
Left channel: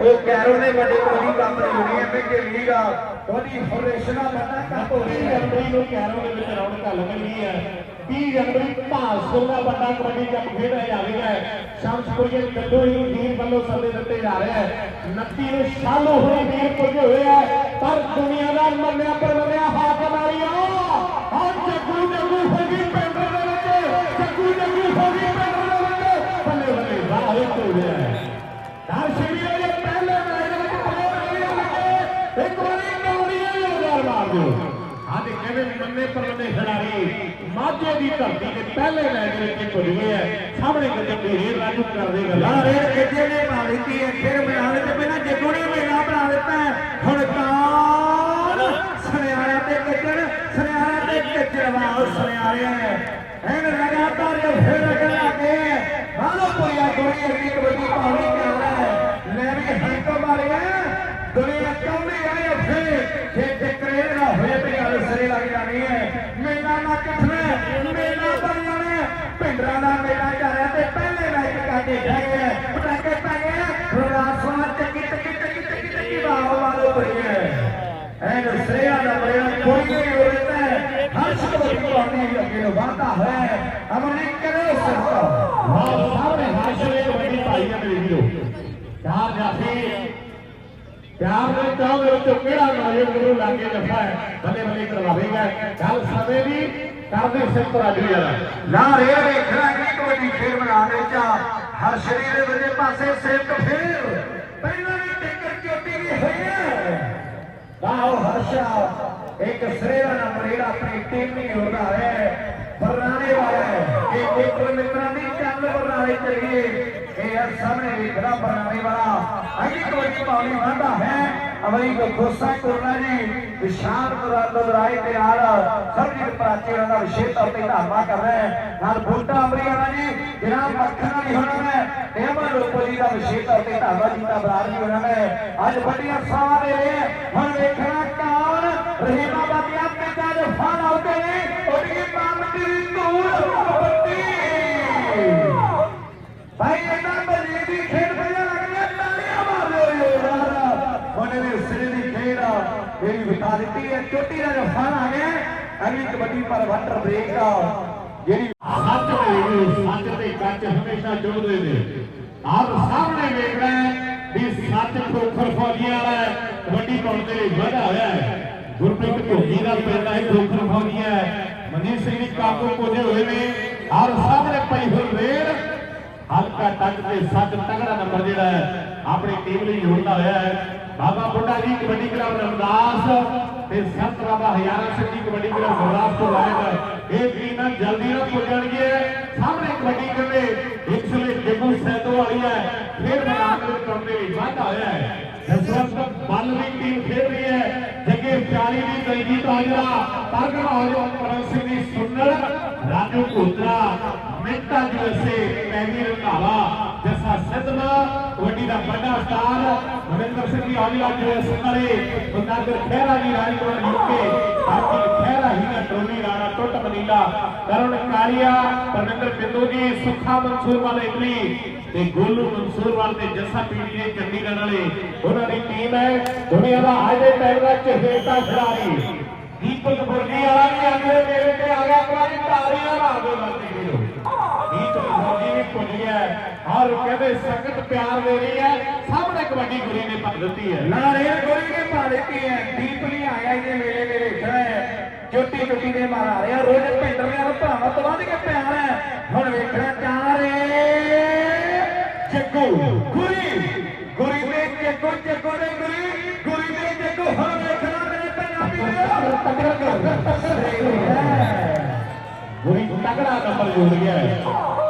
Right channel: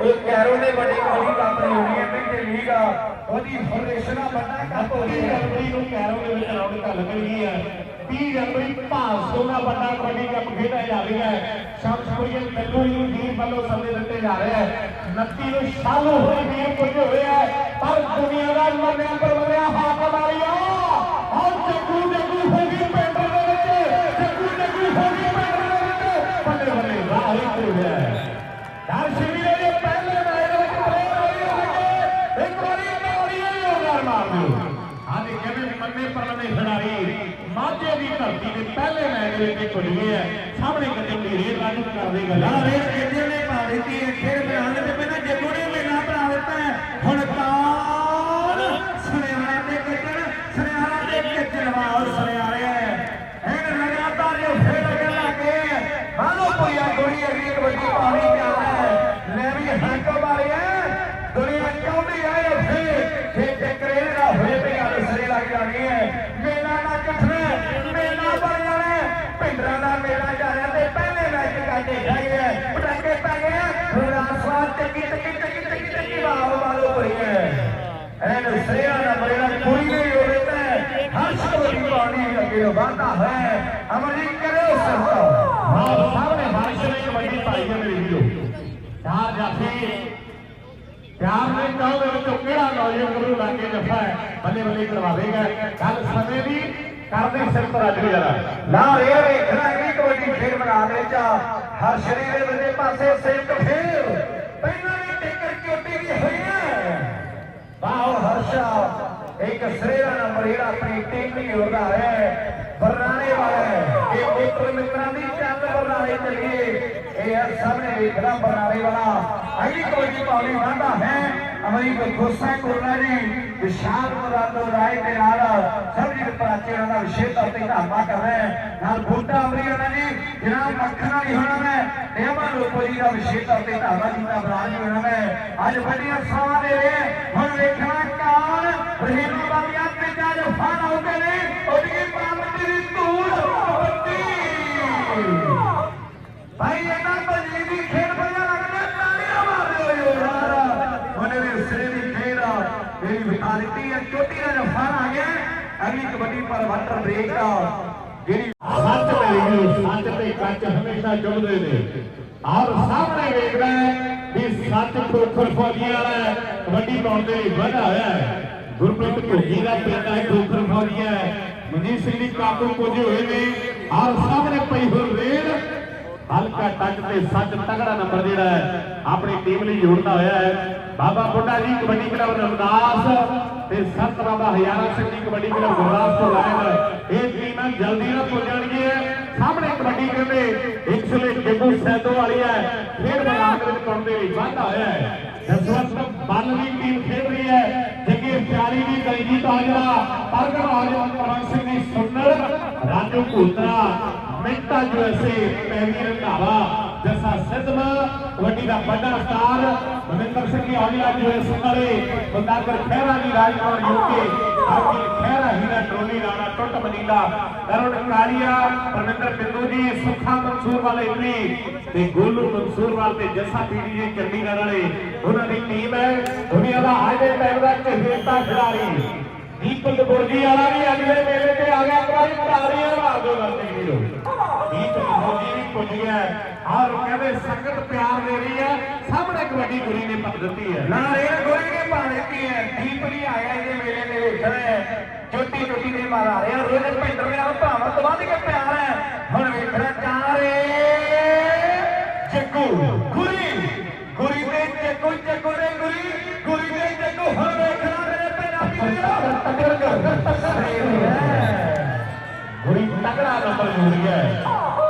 ਉਹ ਕੈਰੋ ਨੇ ਵੱਡੇ ਕੋਲੀ ਕੰਮ ਨਹੀਂ ਹੋਣੀ ਹੈ ਕਿ ਲੀਗਾ ਉਹਦੀ ਫਾਊਂਡੇਸ਼ਨ ਬੰਦਾ ਕੱਪ ਹੋ ਰਹੀ ਹੈ ਕਬੱਡੀ ਨੂੰ ਕੈਰੋ ਦੇ ਵਿੱਚ ਨਾਮ ਗੱਲ ਮਿਲੀ ਹੈ 30 ਜਨਵਰੀ ਭਾਸਕਰ ਦਾ ਵੱਡਾ ਕਬੱਡੀ ਕੱਪ ਖੇਡਿਆ ਜਾ ਰਿਹਾ ਹੈ। ਸ਼ਮਸ਼ਪੁਰੀਏ ਕੱਲੂ ਹੀ ਵੀਰ ਵੱਲੋਂ ਸੰਦੇ ਦਿੱਤੇ ਜਾ ਰਿਹਾ ਹੈ 29 ਨੂੰ ਸ਼ਾਲੂ ਹੋਏ ਵੀਰ ਪੁੱਜੇ ਹੋਏ ਹੈ ਪਰ ਦੁਨੀਆ ਦੀ ਧਰਤੀ ਦੇ ਪਹਿਲੇ ਮੈਚ ਵਿੱਚ ਇੱਕ ਹੋਈ ਸਾਹਮਣੇ ਕਿਤੇ ਢੇਰੇ ਲਾਗੂ ਕਰ ਦੇਗਾ ਯਾਰ ਇਹ ਕਿੱਥੇ ਨੇ ਪਾ ਹੈ ਫਿਰ ਬਣਾ ਦਿੱਤੇ ਪਹਿਲਾਂ ਜੱਗੂ ਮੇਲਾ ਕਿਹੜਾ ਨੌਜਵਾਨ ਗੁਰੂ ਲਾਗੇ ਜਫਾ ਹੈ। ਬੱਲੇ ਬੱਲੇ ਕਰਵਾਵੇਗਾ ਗੱਲ ਸਮੇਂ ਦੀ ਕਰਦੇ ਸਿਰ ਤੋਂ ਰੱਖ ਲਿਆ ਨਾ ਰੇ ਰੇ ਖਿਲਾੜੀ ਕਬੱਡੀ ਫੇਰ ਬਣਾਉਣੇ ਚਾ ਹਰ ਸ਼ਰੀਰ ਦੇ ਦੂਜੇ ਪਾਸੇ ਸਿਰ ਤੋਂ ਫੇਰ। ਪਹਿਲਾਂ ਵੀ ਟਿਕਟ ਚੋਟੀ ਦੀ ਹੋਈ ਹੈ। ਵਾਹ ਹਰਸ਼ਾ ਇੱਕ ਸ੍ਰੇਆ ਨੰਬਰ ਆਪਣੀ ਟੀਮ ਨਹੀਂ ਹੋ ਰਹਾ ਹੈ। ਬਰਨਾਲੇ ਵਾਲਾ ਹੈ। ਇੱਕ ਇੱਕ ਮਿੱਤਰਾਂ ਦੀ ਚਾਵਲ ਬਰਨਾਲੇ ਚਲੀਏ। ਇਹ ਹਰ ਸਾਹਮਣੇ ਵੇਖਦਾ ਬਰਨਾਲੇ ਵਾਲਾ। ਅਗਲੀ ਕਬੱਡੀ ਪਾਉਣੀ ਵਾਂਦਾ ਹੈ। ਅਮਰੀ ਕੋ ਕੋਲਾ ਜੀ, ਵਿਸ਼ਾਲ ਮੁਰਾਦ ਰਾਏ ਦੇ ਨਾਲ ਸਰਜੀਤ ਪ੍ਰਾਚੀ ਦਾ ਵਿਸ਼ੇਸ਼ ਤੌਰ ਤੇ ਧੰਨਵਾਦ ਕਰ ਰਹੇ ਨਾਲ ਬੂਟਾ ਅਮਰੀ ਜੀ ਜਨਾਬ ਮੱਖਣ ਵਾਲੀ ਹੋਣਾ ਮੈਂ ਦੇਵਾ ਲੋਕੋ ਦਾ ਵਿਸ਼ੇਸ਼ ਤੌਰ ਤੇ ਧੰਨਵਾਦ ਕੀਤਾ ਬਰਾਜ ਜੀ ਹੋਣਾ ਮੈਂ। ਅੱਜ ਵੱਡੀਆਂ ਸਾਹ ਦੇ ਰਹੇ ਹੁਣ ਵੇਖਣਾ ਕੌਣ, ਰਹੀਮਾ ਬਾਬੀਆਂ ਪਿੰਡਾਂ ਦੇ ਫਨ ਆਉਂਦੇ ਨੇ। ਚੋਟੀ ਦਾ ਫਨ ਆ ਗਿਆ। ਅਗਲੀ ਕਬੱਡੀ ਪਰ ਬ੍ਰੇਕ ਦਾ ਜਿਹੜੀ ਸੱਚ ਤੇ ਸੱਚ ਤੇ ਕੱਚ ਹਮੇਸ਼ਾ ਜੁੜਦੇ ਨੇ। ਆਪ ਸਾਹਮਣੇ ਵੇਖ ਰਹੇ ਵੀ ਸੱਚ ਖੋਖਰ ਫੌਜੀਆਂ ਵਾਲਾ ਕਬੱਡੀ ਪਾਉਣ ਦੇ ਲਈ ਵਧਾ ਹੋਇਆ ਹੈ। ਗੁਰਪ੍ਰੀਤ ਭੋਗੀ ਦਾ ਪਿੰਡ ਹੈ, ਖੋਖਰ ਫੌਜੀਆ ਮਨਜੀਤ ਸਿੰਘ ਦੀ ਕਾਬੂ ਪੁੱਜੇ ਹੋਏ ਨੇ। ਆਪ ਸਾਹਮਣੇ ਪਈ ਹੋਈ ਰੇਲ। ਹਲਕਾ ਟੱਕ ਤੇ ਸੱਚ ਤਗੜਾ ਨੰਬਰ ਜਿਹੜਾ ਹੈ, ਆਪਣੀ ਟੀਮ ਲਈ ਜੋੜਦਾ ਹੋਇਆ ਹੈ। ਬਾਬਾ ਬੁੱਢਾ ਜੀ ਕਬੱਡੀ ਕਲੱਬ ਰਮਦਾਸ ਤੇ ਸੰਤ ਬਾਬਾ ਹਜ਼ਾਰਾ ਸਿੰਘ ਜੀ ਕਬੱਡੀ ਕਲੱਬ ਗੁਰਦਾਸਪੁਰ ਲਾਇਨ ਇਹ ਟੀਮਾਂ ਜਲਦੀ ਨਾਲ ਪੁੱਜਣਗੀਆਂ ਸਾਹਮਣੇ ਕਬੱਡੀ ਕਹਿੰਦੇ ਇੱਕ ਸਲੇ ਜੱਗੂ ਸੈਦੋ ਵਾਲੀ ਹੈ। ਫਿਰ ਮੈਦਾਨ ਵਿੱਚ ਪਾਉਣ ਦੇ ਲਈ ਵਾਧਾ ਹੋਇਆ ਹੈ। ਜਸਵੰਤ ਬੱਲ ਦੀ ਟੀਮ ਖੇਡ ਰਹੀ ਹੈ। ਜੱਗੇ ਪਿਆਰੀ ਦੀ ਕੈਦੀ ਤਾਜਰਾ ਪਰਗਵਾਜ ਮਕਰਨ ਸਿੰਘ ਦੀ ਸੁੰਦਰ ਰਾਜੂ ਭੂਤਰਾ ਮਿੰਟਾ ਜੁਐਸੇ ਕੈਦੀ ਰੰਧਾਵਾ ਜਸਾ ਕਬੱਡੀ ਦਾ ਵੱਡਾ ਸਟਾਰ ਮਨਿੰਦਰ ਸਿੰਘ ਦੀ ਔਲੀਆ ਜੁਐਸੇ ਵਾਲੇ ਬੰਦਾਗਰ ਖਹਿਰਾ ਜੀ ਰਾਜਪੁਰ ਯੂਕੇ ਬਾਕੀ ਖਹਿਰਾ ਹੀ ਟੋਲੀ ਨਾਲ ਟੁੱਟ ਮਨੀਲਾ ਕਰੁਣ ਕਾਲੀਆ ਪਰਮਿੰਦਰ ਬਿੰਦੂ ਜੀ, ਸੁੱਖਾ ਮਨਸੂਰ ਵਾਲੇ ਇਟਲੀ ਤੇ ਗੋਲੂ ਮਨਸੂਰ ਵਾਲ ਤੇ ਜੱਸਾ ਟੀਵੀ ਜੀ ਚੰਡੀਗੜ੍ਹ ਵਾਲੇ ਉਹਨਾਂ ਦੀ ਟੀਮ ਹੈ। ਦੁਨੀਆ ਦਾ ਹਾਈਵੇ ਟੈਲ ਦਾ ਚਹੇਤਾ ਖਿਡਾਰੀ। ਦੀਪਕ ਬੁਰਜੀ ਵਾਲਾ ਵੀ ਅੰਦਰ ਮੇਰੇ ਤੇ ਆ ਗਿਆ। ਵਾਰੀ ਤਾਲੀਆਂ ਮਾਰ ਦਿਓ ਦੀਪਕ ਬੁਰਜੀ ਵੀ ਪੁੱਜੀ ਹੈ ਹਰ ਕਹਿੰਦੇ ਸੰਗਤ ਪਿਆਰ ਦੇ ਰਹੀ ਹੈ। ਸਾਹਮਣੇ ਕਬੱਡੀ ਗੁਰੀ ਨੇ ਪੱਟ ਦਿੱਤੀ ਹੈ। ਨਾ ਰੇ ਗੁਰ ਕੇ ਪਾ ਦਿੱਤੀ ਹੈ ਦੀਪ ਨਹੀਂ ਆਇਆ ਇਹਦੇ ਵੇਲੇ ਵੇਲੇ ਖੜਾ ਚੋਟੀ ਚੋਟੀ ਦੇ ਮਾਰ ਆ ਰਿਹਾ ਰੋਜ਼ ਭਿੰਦਰ ਦੇ ਨੂੰ ਭਰਾਵਾਂ ਤੋਂ ਵੱਧ ਕੇ ਪਿਆਰ ਹੈ। ਹੁਣ ਵੇਖਣਾ ਚਾਰੇ ਜੱਗੂ ਗੁਰੀ ਗੁਰੀ ਦੇ ਜੱਗੂ ਜੱਗੂ ਦੇ ਗੁਰੀ ਗੁਰੀ ਦੇ ਜੱਗੂ ਹੁਣ ਵੇਖਣਾ ਮੇਰੇ ਪੰਜਾਬੀ ਗੁਰੀ ਤਕੜਾ ਨੰਬਰ ਜੁੜ ਗਿਆ ਹੈ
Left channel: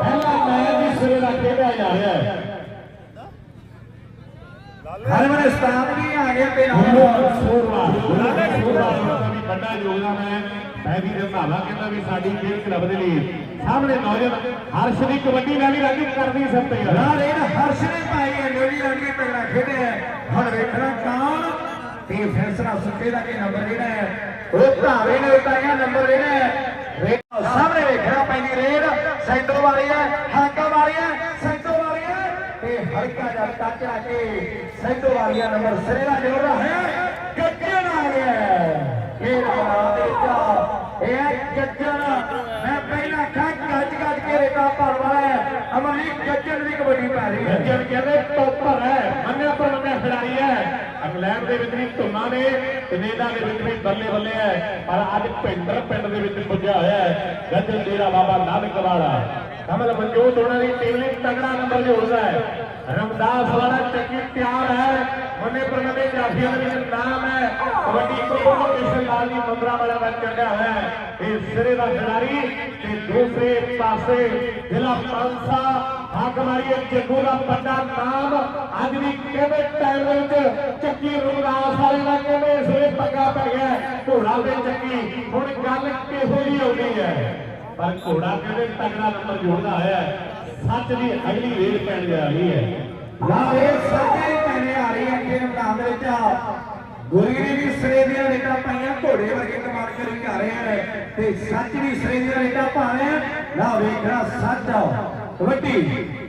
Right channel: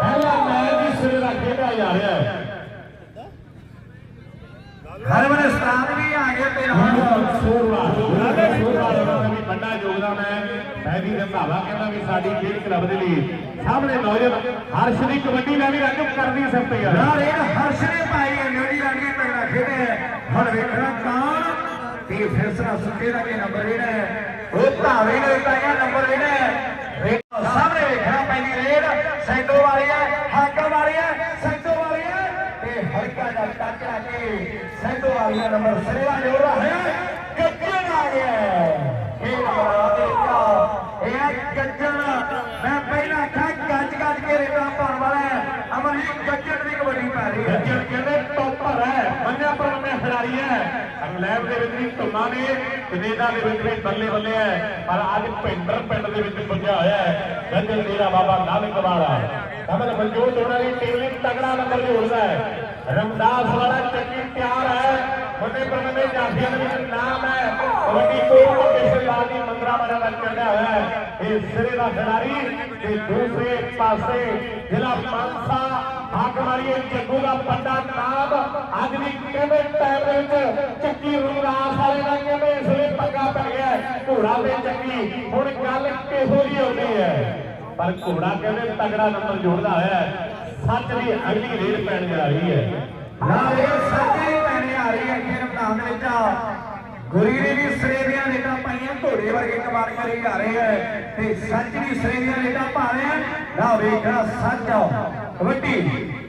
ਪਹਿਲਾ ਮੈਚ ਵੀ ਸਿਰੇ ਦਾ ਖੇਡਿਆ ਜਾ ਰਿਹਾ ਹੈ ਹਰਮਨ ਸਟਾਫ ਵੀ ਆ ਗਿਆ ਤੇ ਵੱਡਾ ਯੋਗਦਾਨ ਹੈ। ਮੈਂ ਵੀ ਰੰਧਾਵਾ ਕਹਿੰਦਾ ਵੀ ਸਾਡੀ ਖੇਡ ਕਲੱਬ ਦੇ ਲਈ ਸਾਹਮਣੇ ਨੌਜਵਾਨ ਹਰਸ਼ ਦੀ ਕਬੱਡੀ ਮੈਂ ਵੀ ਰੱਜ ਕਰਦੀ ਸਭ ਤੇ ਯਾਰ ਯਾਰ ਇਹ ਹਰਸ਼ ਨੇ ਪਾਈ ਹੈ ਨਿਊਜ਼ੀਲੈਂਡ ਦੀ ਤਗੜਾ ਖੇਡਿਆ ਹੁਣ ਵੇਖਣਾ ਕੌਣ ਤੇ ਫੈਸਲਾ ਸੁੱਕੇ ਦਾ ਕੀ ਨੰਬਰ ਜਿਹੜਾ ਹੈ। ਉਹ ਭਾਵੇਂ ਨੇ ਉਤਾਰਿਆ ਨੰਬਰ ਜਿਹੜਾ ਹੈ। ਸਾਹਮਣੇ ਵੇਖਣਾ ਪਹਿਲੀ ਰੇਡ ਸੈਂਟਰ ਵਾਲੀ ਹੈ ਹਾਂਕਾ ਵਾਲੀ ਹੈ ਸੈਂਟਰ ਵਾਲੀ ਹੈ ਤੇ ਹਲਕਾ ਜਿਹਾ ਟੱਚ ਕੇ ਸੈਂਟਰ ਵਾਲੀ ਦਾ ਨੰਬਰ ਸੇਵਾ ਜੋੜਾ ਹੈ ਗੱਜਣ ਆ ਗਿਆ ਮੇਰਾ ਦੇਖਾ ਇਹ ਗੱਜਣ। ਮੈਂ ਪਹਿਲਾਂ ਕੱਜ ਗੱਜ ਗੱਜ ਕੇ ਰੇਟਾ ਭਰਵਾ ਹੈ। ਅਮਲੀ ਗੱਜਣ ਦੀ ਕਬੱਡੀ ਪੈ ਰਹੀ ਹੈ। ਕਹਿੰਦੇ ਟੌਪਰ ਹੈ। ਮੰਨਿਆ ਪਰਮੰਨਿਆ ਖਿਡਾਰੀ ਹੈ। ਇੰਗਲੈਂਡ ਦੇ ਵਿੱਚ ਵੀ ਧੁੰਨਾ ਨੇ, ਕੈਨੇਡਾ ਦੇ ਵਿੱਚ ਵੀ ਬੱਲੇ ਬੱਲੇ ਹੈ। ਪਰ ਅੱਜ ਭਿੰਦਰ ਪਿੰਡ ਦੇ ਵਿੱਚ ਵੀ ਪੁੱਜਿਆ ਹੋਇਆ ਹੈ। ਕਹਿੰਦੇ ਤੇਰਾ ਬਾਬਾ ਨਾਨਕ ਵਾਲਾ ਕਮਲ ਮਨਜੋਤ ਦੁਨੀਆ ਦੀ ਟੀਮ ਨੇ ਤਗੜਾ ਨੰਬਰ ਲਿਆਉਂਦਾ ਹੈ ਹੈ रमदास वाला चटनी प्यार है होने पर मेरे जाफिया का नाम है होने को कैसे लाली मंगला वाला बन गया है एक सिरे का खिलाड़ी ते दूसरे पासे जिला कौनसा हाकवारी जगो का बड़ा नाम आदमी केवे टैलेंट ਚੱਕੀ ਰਮਦਾਸ ਵਾਲੇ ਨਾਲ ਕਿਵੇਂ ਸਿਰੇ ਪੱਗਾ ਪੈ ਗਿਆ ਘੋੜਾ ਦੇ ਚੱਕੀ ਹੁਣ ਗੱਲ ਕਿਹੋ ਜਿਹੀ ਆਉਂਦੀ ਹੈ ਪਰ ਘੋੜਾ ਕਹਿੰਦੇ ਤਗੜਾ ਨਾਲ ਜੋੜਦਾ ਹੈ ਸੱਚ ਦੀ ਅਗਲੀ ਰੇਲ ਪੈਣ ਜਾ ਰਹੀ ਹੈ। ਨਾ ਇਹ ਸੱਚੇ ਮੈਨੇ ਆ ਰਹੀ ਹੈ ਕਿ ਮੈਦਾਨ ਦੇ ਵਿੱਚ ਗੁਰੀ ਨੇ ਵੀ ਸਰੇ ਦੀਆਂ ਰੇਟਾਂ ਪਾਈਆਂ ਘੋੜੇ ਵਰਗੇ ਕਮਾਲ ਕਰੀ ਜਾ ਰਹੇ ਹੈ ਤੇ ਸੱਚ ਵੀ ਸਰੇ ਦੀਆਂ ਰੇਟਾਂ ਪਾ ਰਹੇ ਹੈ। ਨਾ ਵੇਖਣਾ ਸੱਚ ਕਬੱਡੀ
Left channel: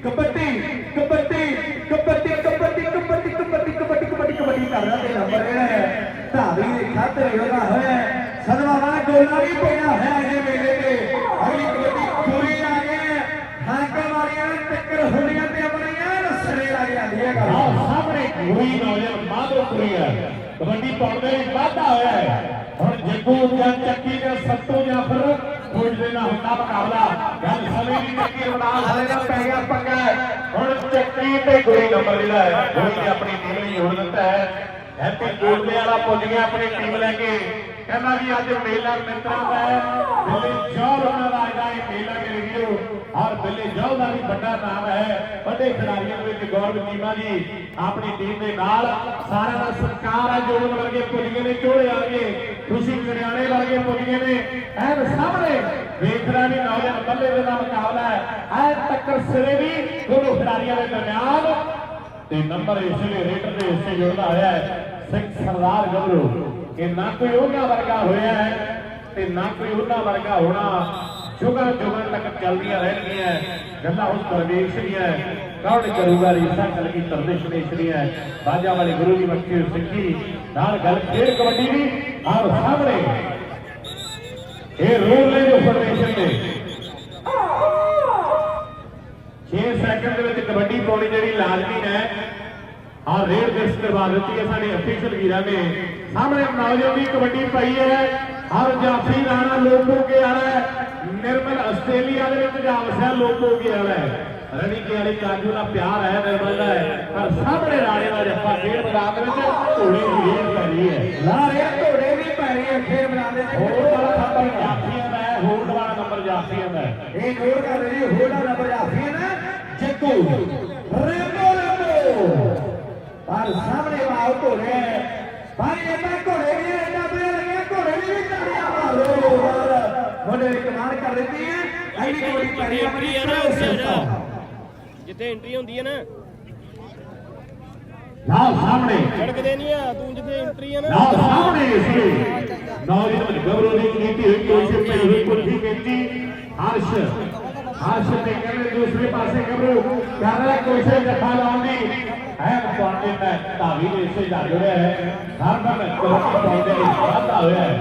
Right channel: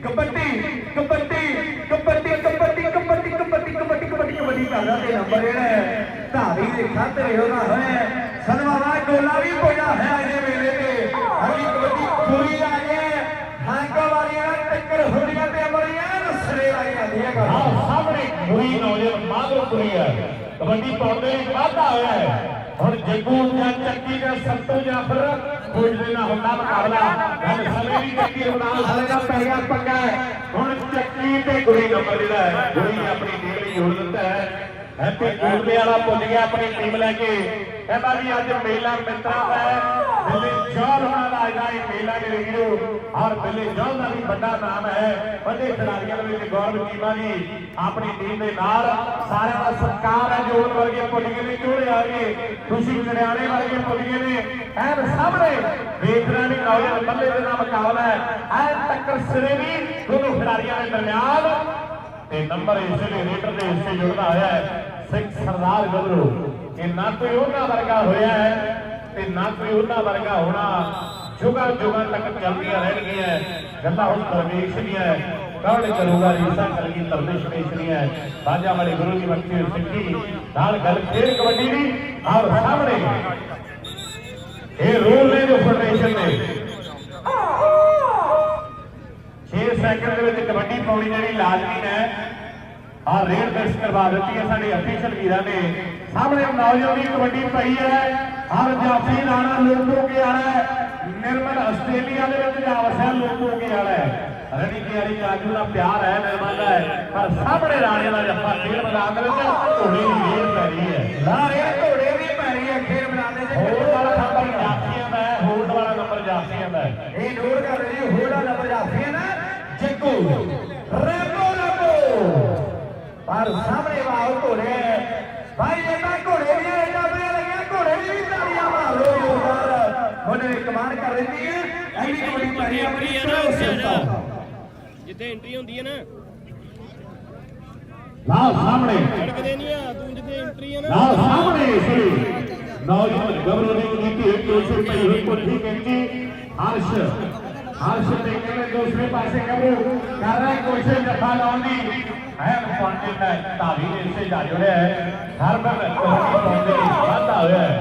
ਕਬੱਡੀ ਕਬੱਡੀ ਕਬੱਡੀ ਕਬੱਡੀ ਕਬੱਡੀ ਕਬੱਡੀ ਕਬੱਡੀ ਕਬੱਡੀ ਕਬੱਡੀ ਕਰਦਾ ਤੇ ਨੰਬਰ ਇਹ ਹੈ ਧਾਰੀ ਦੇ ਖਾਤੇ ਉਹਦਾ ਹੈ ਸਦਵਾ ਵਾ ਗੋਲਾ ਵੀ ਪਿਆ ਹੈ ਅਜੇ ਵੇਲੇ ਤੇ ਹਰੀ ਕਬੱਡੀ ਚੋਰੀ ਆ ਗਏ ਹਾਕਾ ਵਾਲੀਆਂ ਟੱਕਰ ਹੁਣੀਆਂ ਤੇ ਅਮਰੀਆਂ ਨਸਲੇ ਆਈ ਜਾਂਦੀ ਹੈ ਗੱਲ ਆਹ ਸਾਹਮਣੇ ਕੋਈ ਨੌਜਵਾਨ ਮਾਧੋ ਕਬੱਡੀ ਪਾਉਣ ਦੇ ਵਿੱਚ ਵਾਧਾ ਹੋਇਆ ਹੈ। ਹੁਣ ਜੱਗੂ ਜਾਂ ਚੱਕੀ ਦਾ ਸਭ ਤੋਂ ਜਾਫਰ ਕੁਝ ਦਿਨਾਂ ਹੁੰਦਾ ਮੁਕਾਬਲਾ ਗੱਲ ਸਮੇਂ ਦੀ ਚੱਕੀ ਰਮਦਾਸ ਵਾਲੇ ਦਾ ਪੈ ਗਿਆ ਪੰਗਾ। ਹੁਣ ਚੱਕੀ ਤੇ ਗੁਰੀ ਨੰਬਰ ਜਿਹੜਾ ਹੈ। ਗੁਰੀ ਆਪਣੀ ਟੀਮ ਨੂੰ ਜੋੜ ਦਿੱਤਾ ਹੈ। ਇੱਥੇ ਗੋਲਦੇ ਵਾਲਾ ਭੁੱਲ ਗਿਆ, ਆਪਣੀ ਟੀਮ ਲੈ ਕੇ। ਕਹਿੰਦਾ ਵੀ ਅੱਜ ਮੇਲਾ ਮਿੱਤਰਾਂ ਹੈ। दिल्ली जॉल उन्होंने आएगा एक मेला के लिए और दिल्ली जॉल का भी बड़ा नाम है बड़े खिलाड़ियों में गौरव चीमा जी अपनी टीम के नाल सारे का सत्कार है जोड़ वर्गे पुलिये ने जोड़े आगे खुशी कल्याणे वर्गे पुलिये ने एन सामने देख रहे हैं आगे बल्ले का मुकाबला है एन टक्कर सिरे भी दोनों खिलाड़ियों के दरमियान ਤੇ ਨੰਬਰ ਇਸੇ ਦੇ ਰੇਟ ਦੇ ਇਸੇ ਜਿਹੜਾ ਆਇਆ ਹੈ ਸਿੱਖ ਸਰਦਾਰ ਗੱਲੋ ਕਿ ਨਾ ਕੋਈ ਉਹਨਾਂ ਵਰਗਾ ਹੋਇਆ ਹੈ ਤੇ ਨਾ ਕੋਈ ਉਹਨਾਂ ਵਰਗਾ ਹੋਣਾ। ਜੁਗਲ ਜੁਗਲ ਤੱਕ ਚੱਲਦੀਆਂ ਰਹਿਣਗੀਆਂ। ਗੱਲਾਂ ਹੁਣ ਪਰਮੇਸ਼ ਵੀ ਹੈ। ਕੌਣ ਕਰੂਗਾ ਇਸਾ ਕਲਗੀ ਤਰਦੇਸ਼ ਮੇਸ਼ਰੀ ਹੈ? ਬਾਜਾ ਵਾਲੇ ਗੁਰੂ ਦੀ ਮੱਕੀ ਔਰ ਸਿੱਖੀ। ਨਾਲ ਗੱਲ ਫੇਰ ਕਬੱਡੀ ਦੀ ਔਰ ਸਾਹਮਣੇ। ਇਹ ਰੂਲ ਨੇ ਜੋ ਫੈਡਰੇਸ਼ਨ ਨੇ। 6 ਸੈਕਿੰਡ ਦੇ ਵਿੱਚ ਕਬੱਡੀ ਪਾਉਣੀ ਜਿਹੜੀ ਲਾਜ਼ਮੀ ਹੈ। ਆ ਰੇਡ ਫਿਕਸ ਕਰਵਾ ਦਿੱਤੀ ਹੈ ਸਾਡੇ ਅਫੀਸ਼ਲ ਵੀਰਾਂ ਨੇ। ਸਾਹਮਣੇ ਨੌਜਵਾਨ ਦੀ ਕਬੱਡੀ ਪਈ ਹੈ। अब जाफी राणा लोगों के आड़ा है निर्मल ऑस्ट्रेलिया ने भी जा वसा लोगों के आड़ा है रणी के वाली काजू का प्यार है निर्मल है पर सामने राणे का जफा खेल मैदान में घोड़े की रेल पै रही है राणे घोड़े की पै रही है खेल मैदान में घोड़े वाला नंबर जाफिया का है होड़ वाला नंबर जाफिया का है ये नोट कर रही होड़ वाला नंबर जाफिया का जग्गू रेंगो रेंगो और सामने वाले घोड़े भाई ਵੱਡੇ ਕਮਾਂਡ ਕਰ ਦਿੱਤੀ ਹੈ। ਐਨੀ ਕੋੜੀ ਪੜੀ ਆਪਣੀ ਪ੍ਰੋ ਸੰਸਥਾ। ਜਿੱਥੇ ਐਂਟਰੀ ਹੁੰਦੀ ਹੈ ਨਾ। ਲਾਲ ਸਾਹਮਣੇ। ਸੜਕਦੇ ਨਹੀਂ ਆ ਤੂੰ ਜਿੱਥੇ ਐਂਟਰੀ ਹੈ ਨਾ। ਨਾਲ ਸਾਹਮਣੇ ਸੀ ਨੌਜਵਾਨ ਗੱਭਰੂ ਦੀ ਨੀਤੀ ਹੋਈ ਕੋਸ਼ਿਸ਼ ਪਈ ਹੋਈ ਪੁੱਠੀ ਕਹਿੰਦੀ ਹਰਸ਼ ਹਰਸ਼ ਤੇ ਕਹਿੰਦੇ ਦੂਸਰੇ ਪਾਸੇ ਗੱਭਰੂ। ਕਰ ਰਿਹਾ ਕੋਸ਼ਿਸ਼ ਜੱਫਾ ਲਾਉਣ ਦੀ। ਹੈ ਪਾਂਡੇ ਨੇ ਧਾਵੀ ਦੇ ਇਸੇ ਜਾ ਰਿਹਾ ਹੈ। ਹਰ ਮਨ ਕੋਸ਼ਿਸ਼ ਪਾਉਂਦੇ ਵਿੱਚ ਵਾਧਾ ਹੋਇਆ ਹੈ।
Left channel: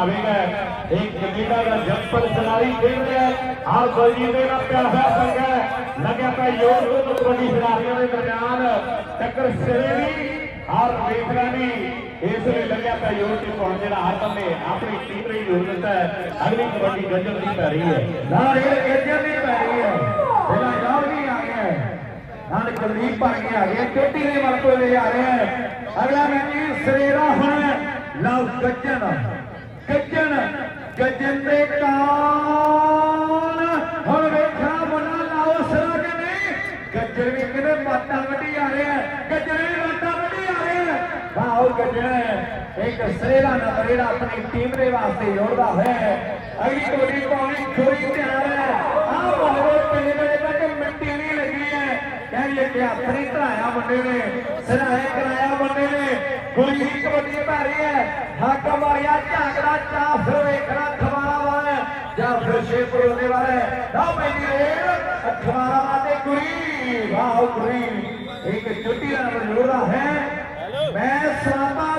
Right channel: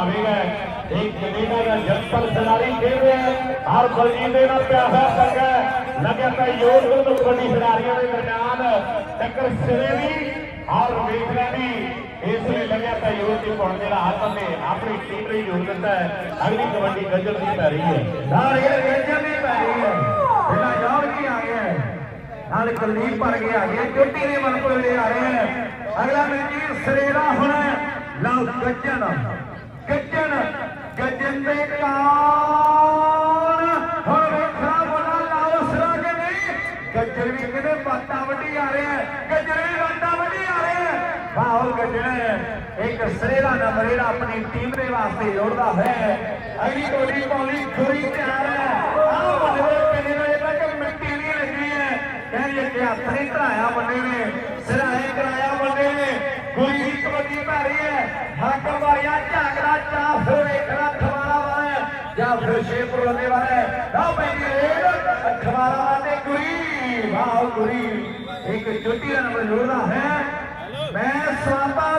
مہاویر ہے۔ ایک جمینا کا جمپل سناری کھیل رہے ہیں آپ بلجیت دے گا کیا ہر سکتا ہے۔ لگا کا یور کو تو بڑی سناریوں کے درمیان ٹکر سنیری اور ویکنا بھی اس لیے لگا کا یور کے پہنچے رہا ہاتھ میں۔ اپنی ٹیم رہی ہو جاتا ہے۔ اگلی کبڈی گجر نہیں کر رہی ہے۔ نہ یہ گجر نہیں کر رہی ہے۔ بنا یور نہیں آ ہے۔ نہ کلدیپ پر گیا یہ ٹیٹی نے واپس لے آئے ہیں۔ اگلا میچ سریرا ہونا لو بچنا ਇੱਕ ਸਿਰੇ ਦਾ ਨਾਮ ਜਿਹੜਾ ਆਪਣੀ ਟੀਮ ਦੇ ਵਾਸਤੇ ਜੋੜਦਾ ਹੈ। ਅਗਲੀ ਕਬੱਡੀ ਪਾਉਣੀ ਥੋੜੀ ਧਿਆਨ ਹੈ। ਆਹ ਵਾਲੇ ਕਿੰਨੇ ਵਜੇ ਤੱਕ ਮਿੱਟੀ ਨਹੀਂ ਲੱਗੀ ਹੈ। ਕਹਿੰਦੇ ਕਿ ਆਪਣੀ ਧਰਾਇਆ ਬੰਦੇ ਨੇ ਸਿਰਾਏ ਕਰਾਇਆ ਬੰਦੇ ਨੇ। ਕੋਈ ਹੀ ਕਬੱਡੀ ਪਾ ਰਹੀ ਹੈ। ਹੱਕ ਮਾਰਿਆ ਝਾਕਦਾ ਚਾ ਫਿਰ ਵੇਖਣਾ ਖਵਾਰਾ ਵਾਲਾ ਜਾਂ ਫਿਰ ਸ਼ੇਰਪੁਰ ਵਾਲੇ ਵਾਲਾ ਆ ਪੈਂਦੀ ਰੇਡ ਖਵਾਰਾ ਵਾਲੇ ਕੋਈ ਵਾਹ ਕੋਈ ਇੱਕ ਚੁੱਟੀ ਦਾ ਨੰਬਰ ਜੋੜਦਾ ਹੈ। ਮੈਂ ਸਾਂਬਾ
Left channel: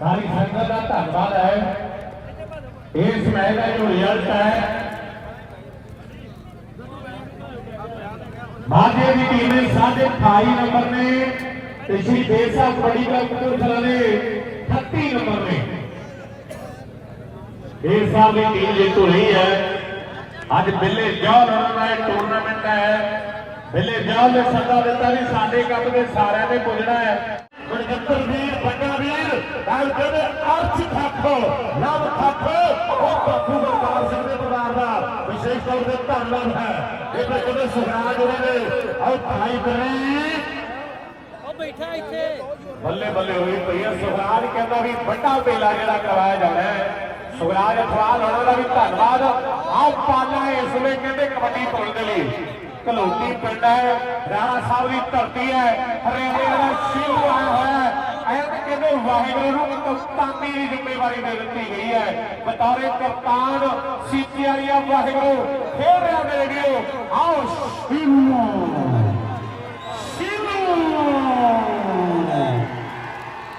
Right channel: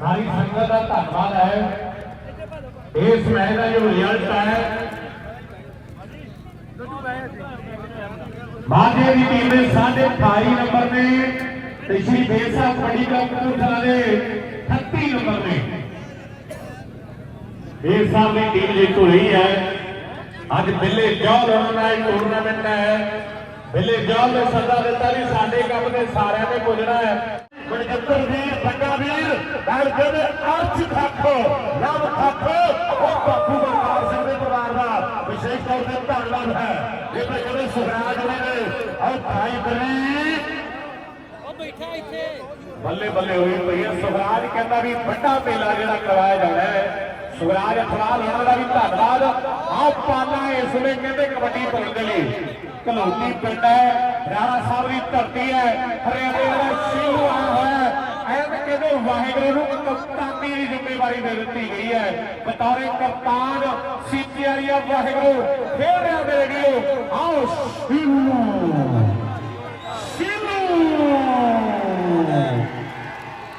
ਸਾਰੀ ਸੰਗਤ ਦਾ ਧੰਨਵਾਦ ਹੈ ਇਸ ਮੈਚ ਦਾ ਜੋ ਰਿਜ਼ਲਟ ਹੈ ਮਾਝੇ ਦੀ ਟੀਮ ਦੇ ਸਾਢੇ 28 ਨੰਬਰ ਨੇ ਤੇ ਸ਼੍ਰੀ ਦੇਵ ਸਾਹਿਬ ਬੜੀ ਕਪੂਰਥਲਾ ਦੇ 38 ਨੰਬਰ ਨੇ ਦੇਵ ਸਾਹਿਬ ਦੀ ਟੀਮ ਜੇਤੂ ਰਹੀ ਹੈ ਅੱਜ ਬਿੱਲੇ ਜੌਹਰ ਉਹਨਾਂ ਦਾ ਇਹ ਟੂਰਨਾਮੈਂਟ ਹੈ ਬਿੱਲੇ ਜੌਹਰ ਨੇ ਸੱਦਾ ਦਿੱਤਾ ਵੀ ਸਾਡੇ ਕੰਮ ਦੇ ਸਾਰਿਆਂ ਦੇ ਗੁਜ਼ਰਾ ਹੈ। ਮਨਜਿੰਦਰ ਵੀਰ ਬੱਗਾ ਵੀਰ ਨਾਲ ਕਹਿੰਦੇ ਅਰਥ ਖਾਖੋ ਨਾਮ ਖਾਖੋ ਉਹ ਪੱਪੂ ਬਲਕਾਰ ਸਿੰਘ ਦੇ ਪਰਿਵਾਰ ਦਾ ਵਿਸ਼ੇਸ਼ ਤੌਰ ਤੇ ਧੰਨਵਾਦ ਹੈ। ਇਹ ਤਾਂ ਕਹਿੰਦੇ ਹੋਏ ਨੇ ਉਹ ਭਾਈ ਬਰੀ। ਉਹ ਬੈਠਾ ਇੱਥੇ। ਬੱਲੇ ਬੱਲੇ ਹੋਈ ਪਈ ਹੈ ਸੁਖਰਾਜ ਕਹਿੰਦਾ ਵੀ ਵੱਡਾ ਮੇਲਾ ਜਿਹੜਾ ਕਰਵਾਇਆ ਜਾਂਦਾ ਹੈ। ਸੁਖਰਾਜ ਅਖਵਾਲ ਉਹਨਾਂ ਦਾ ਵੀ ਧੰਨਵਾਦ। ਆਓ ਪਾਣਾ ਇਸ ਵੇਲੇ ਕਹਿੰਦੇ ਕਬੱਡੀ ਪਾਉਣ ਦੇ ਲਈ। ਕਲੋਟੀ ਪਿੰਡ ਹੈ ਰਾਣਾ ਸਾਹਿਬ ਦੀ ਧਰਤੀ ਹੈ ਹਰਿਆਣੇ ਦਾ ਸ਼ਿਵ ਆਇਆ ਹੈ। ਐ ਕਹਿੰਦੇ ਵਾਹਿਗੁਰੂ ਨੂੰ ਕਪਤਾਨੀ ਦੀ ਜ਼ਿੰਮੇਵਾਰੀ ਦੇ ਦਿੱਤੀ ਗਈ ਹੈ। ਬਤੌਰੇ ਕਪਤਾਨ ਸੀਤੇ ਵਾਹਿਗੁਰੂ ਫੇਰ ਆ ਦੇ ਗਿਓ ਆਓ ਸ਼ਿਵ ਸ਼ਿਵ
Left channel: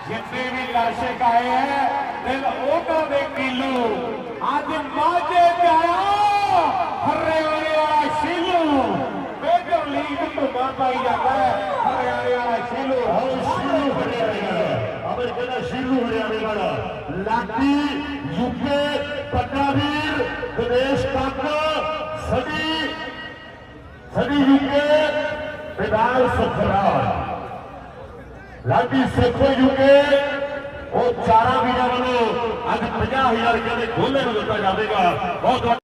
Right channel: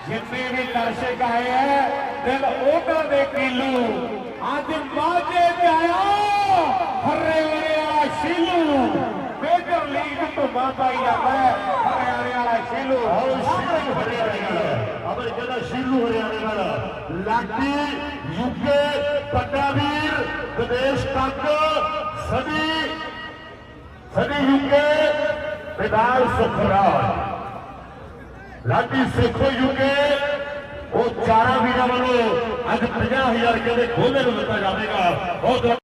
ਜਿੰਨੇ ਵੀ ਲਾਸ਼ੇ ਗਾਏ ਹੈ, ਦਿਲ ਉਹਨਾਂ ਦੇ ਕੀਲੂ ਅੱਜ ਮਾਝੇ ਤੇ ਆਇਆ ਹਰਿਆਣੇ ਵਾਲਾ ਸ਼ੀਲੂ। ਮੇਜਰ ਲੀਗ ਧੁੰਮਾ ਪਾਈ ਜਾਂਦਾ ਹੈ। ਹਰਿਆਣੇ ਵਾਲਾ ਸ਼ੀਲੂ ਹਾਂ ਸ਼ੀਲੂ ਹਰਿਆਣੇ ਵਾਲਾ ਅਮਰ ਕਹਿੰਦਾ ਸ਼ੀਲੂ ਹਰਿਆਣੇ ਵਾਲਾ, ਲਾਡੀ ਯੂਕੇ ਪੱਟਾ ਵੀਰ ਵਿਦੇਸ਼ ਸਦੀ ਸਦੀ ਯੂਕੇ ਵਿਦਾਨ ਸੁਖਰਾਜ। ਲਾਡੀ ਸੇਖੋ ਯੂਕੇ ਉਹ ਚਾਰਾਂ ਵੀਰਾਂ ਵੱਲੋਂ ਅੱਜ 50000 ਕਹਿੰਦੇ ਗੋਲੇ ਨੂੰ ਦਿੱਤਾ ਜਾਵੇਗਾ। ਬਹੁਤ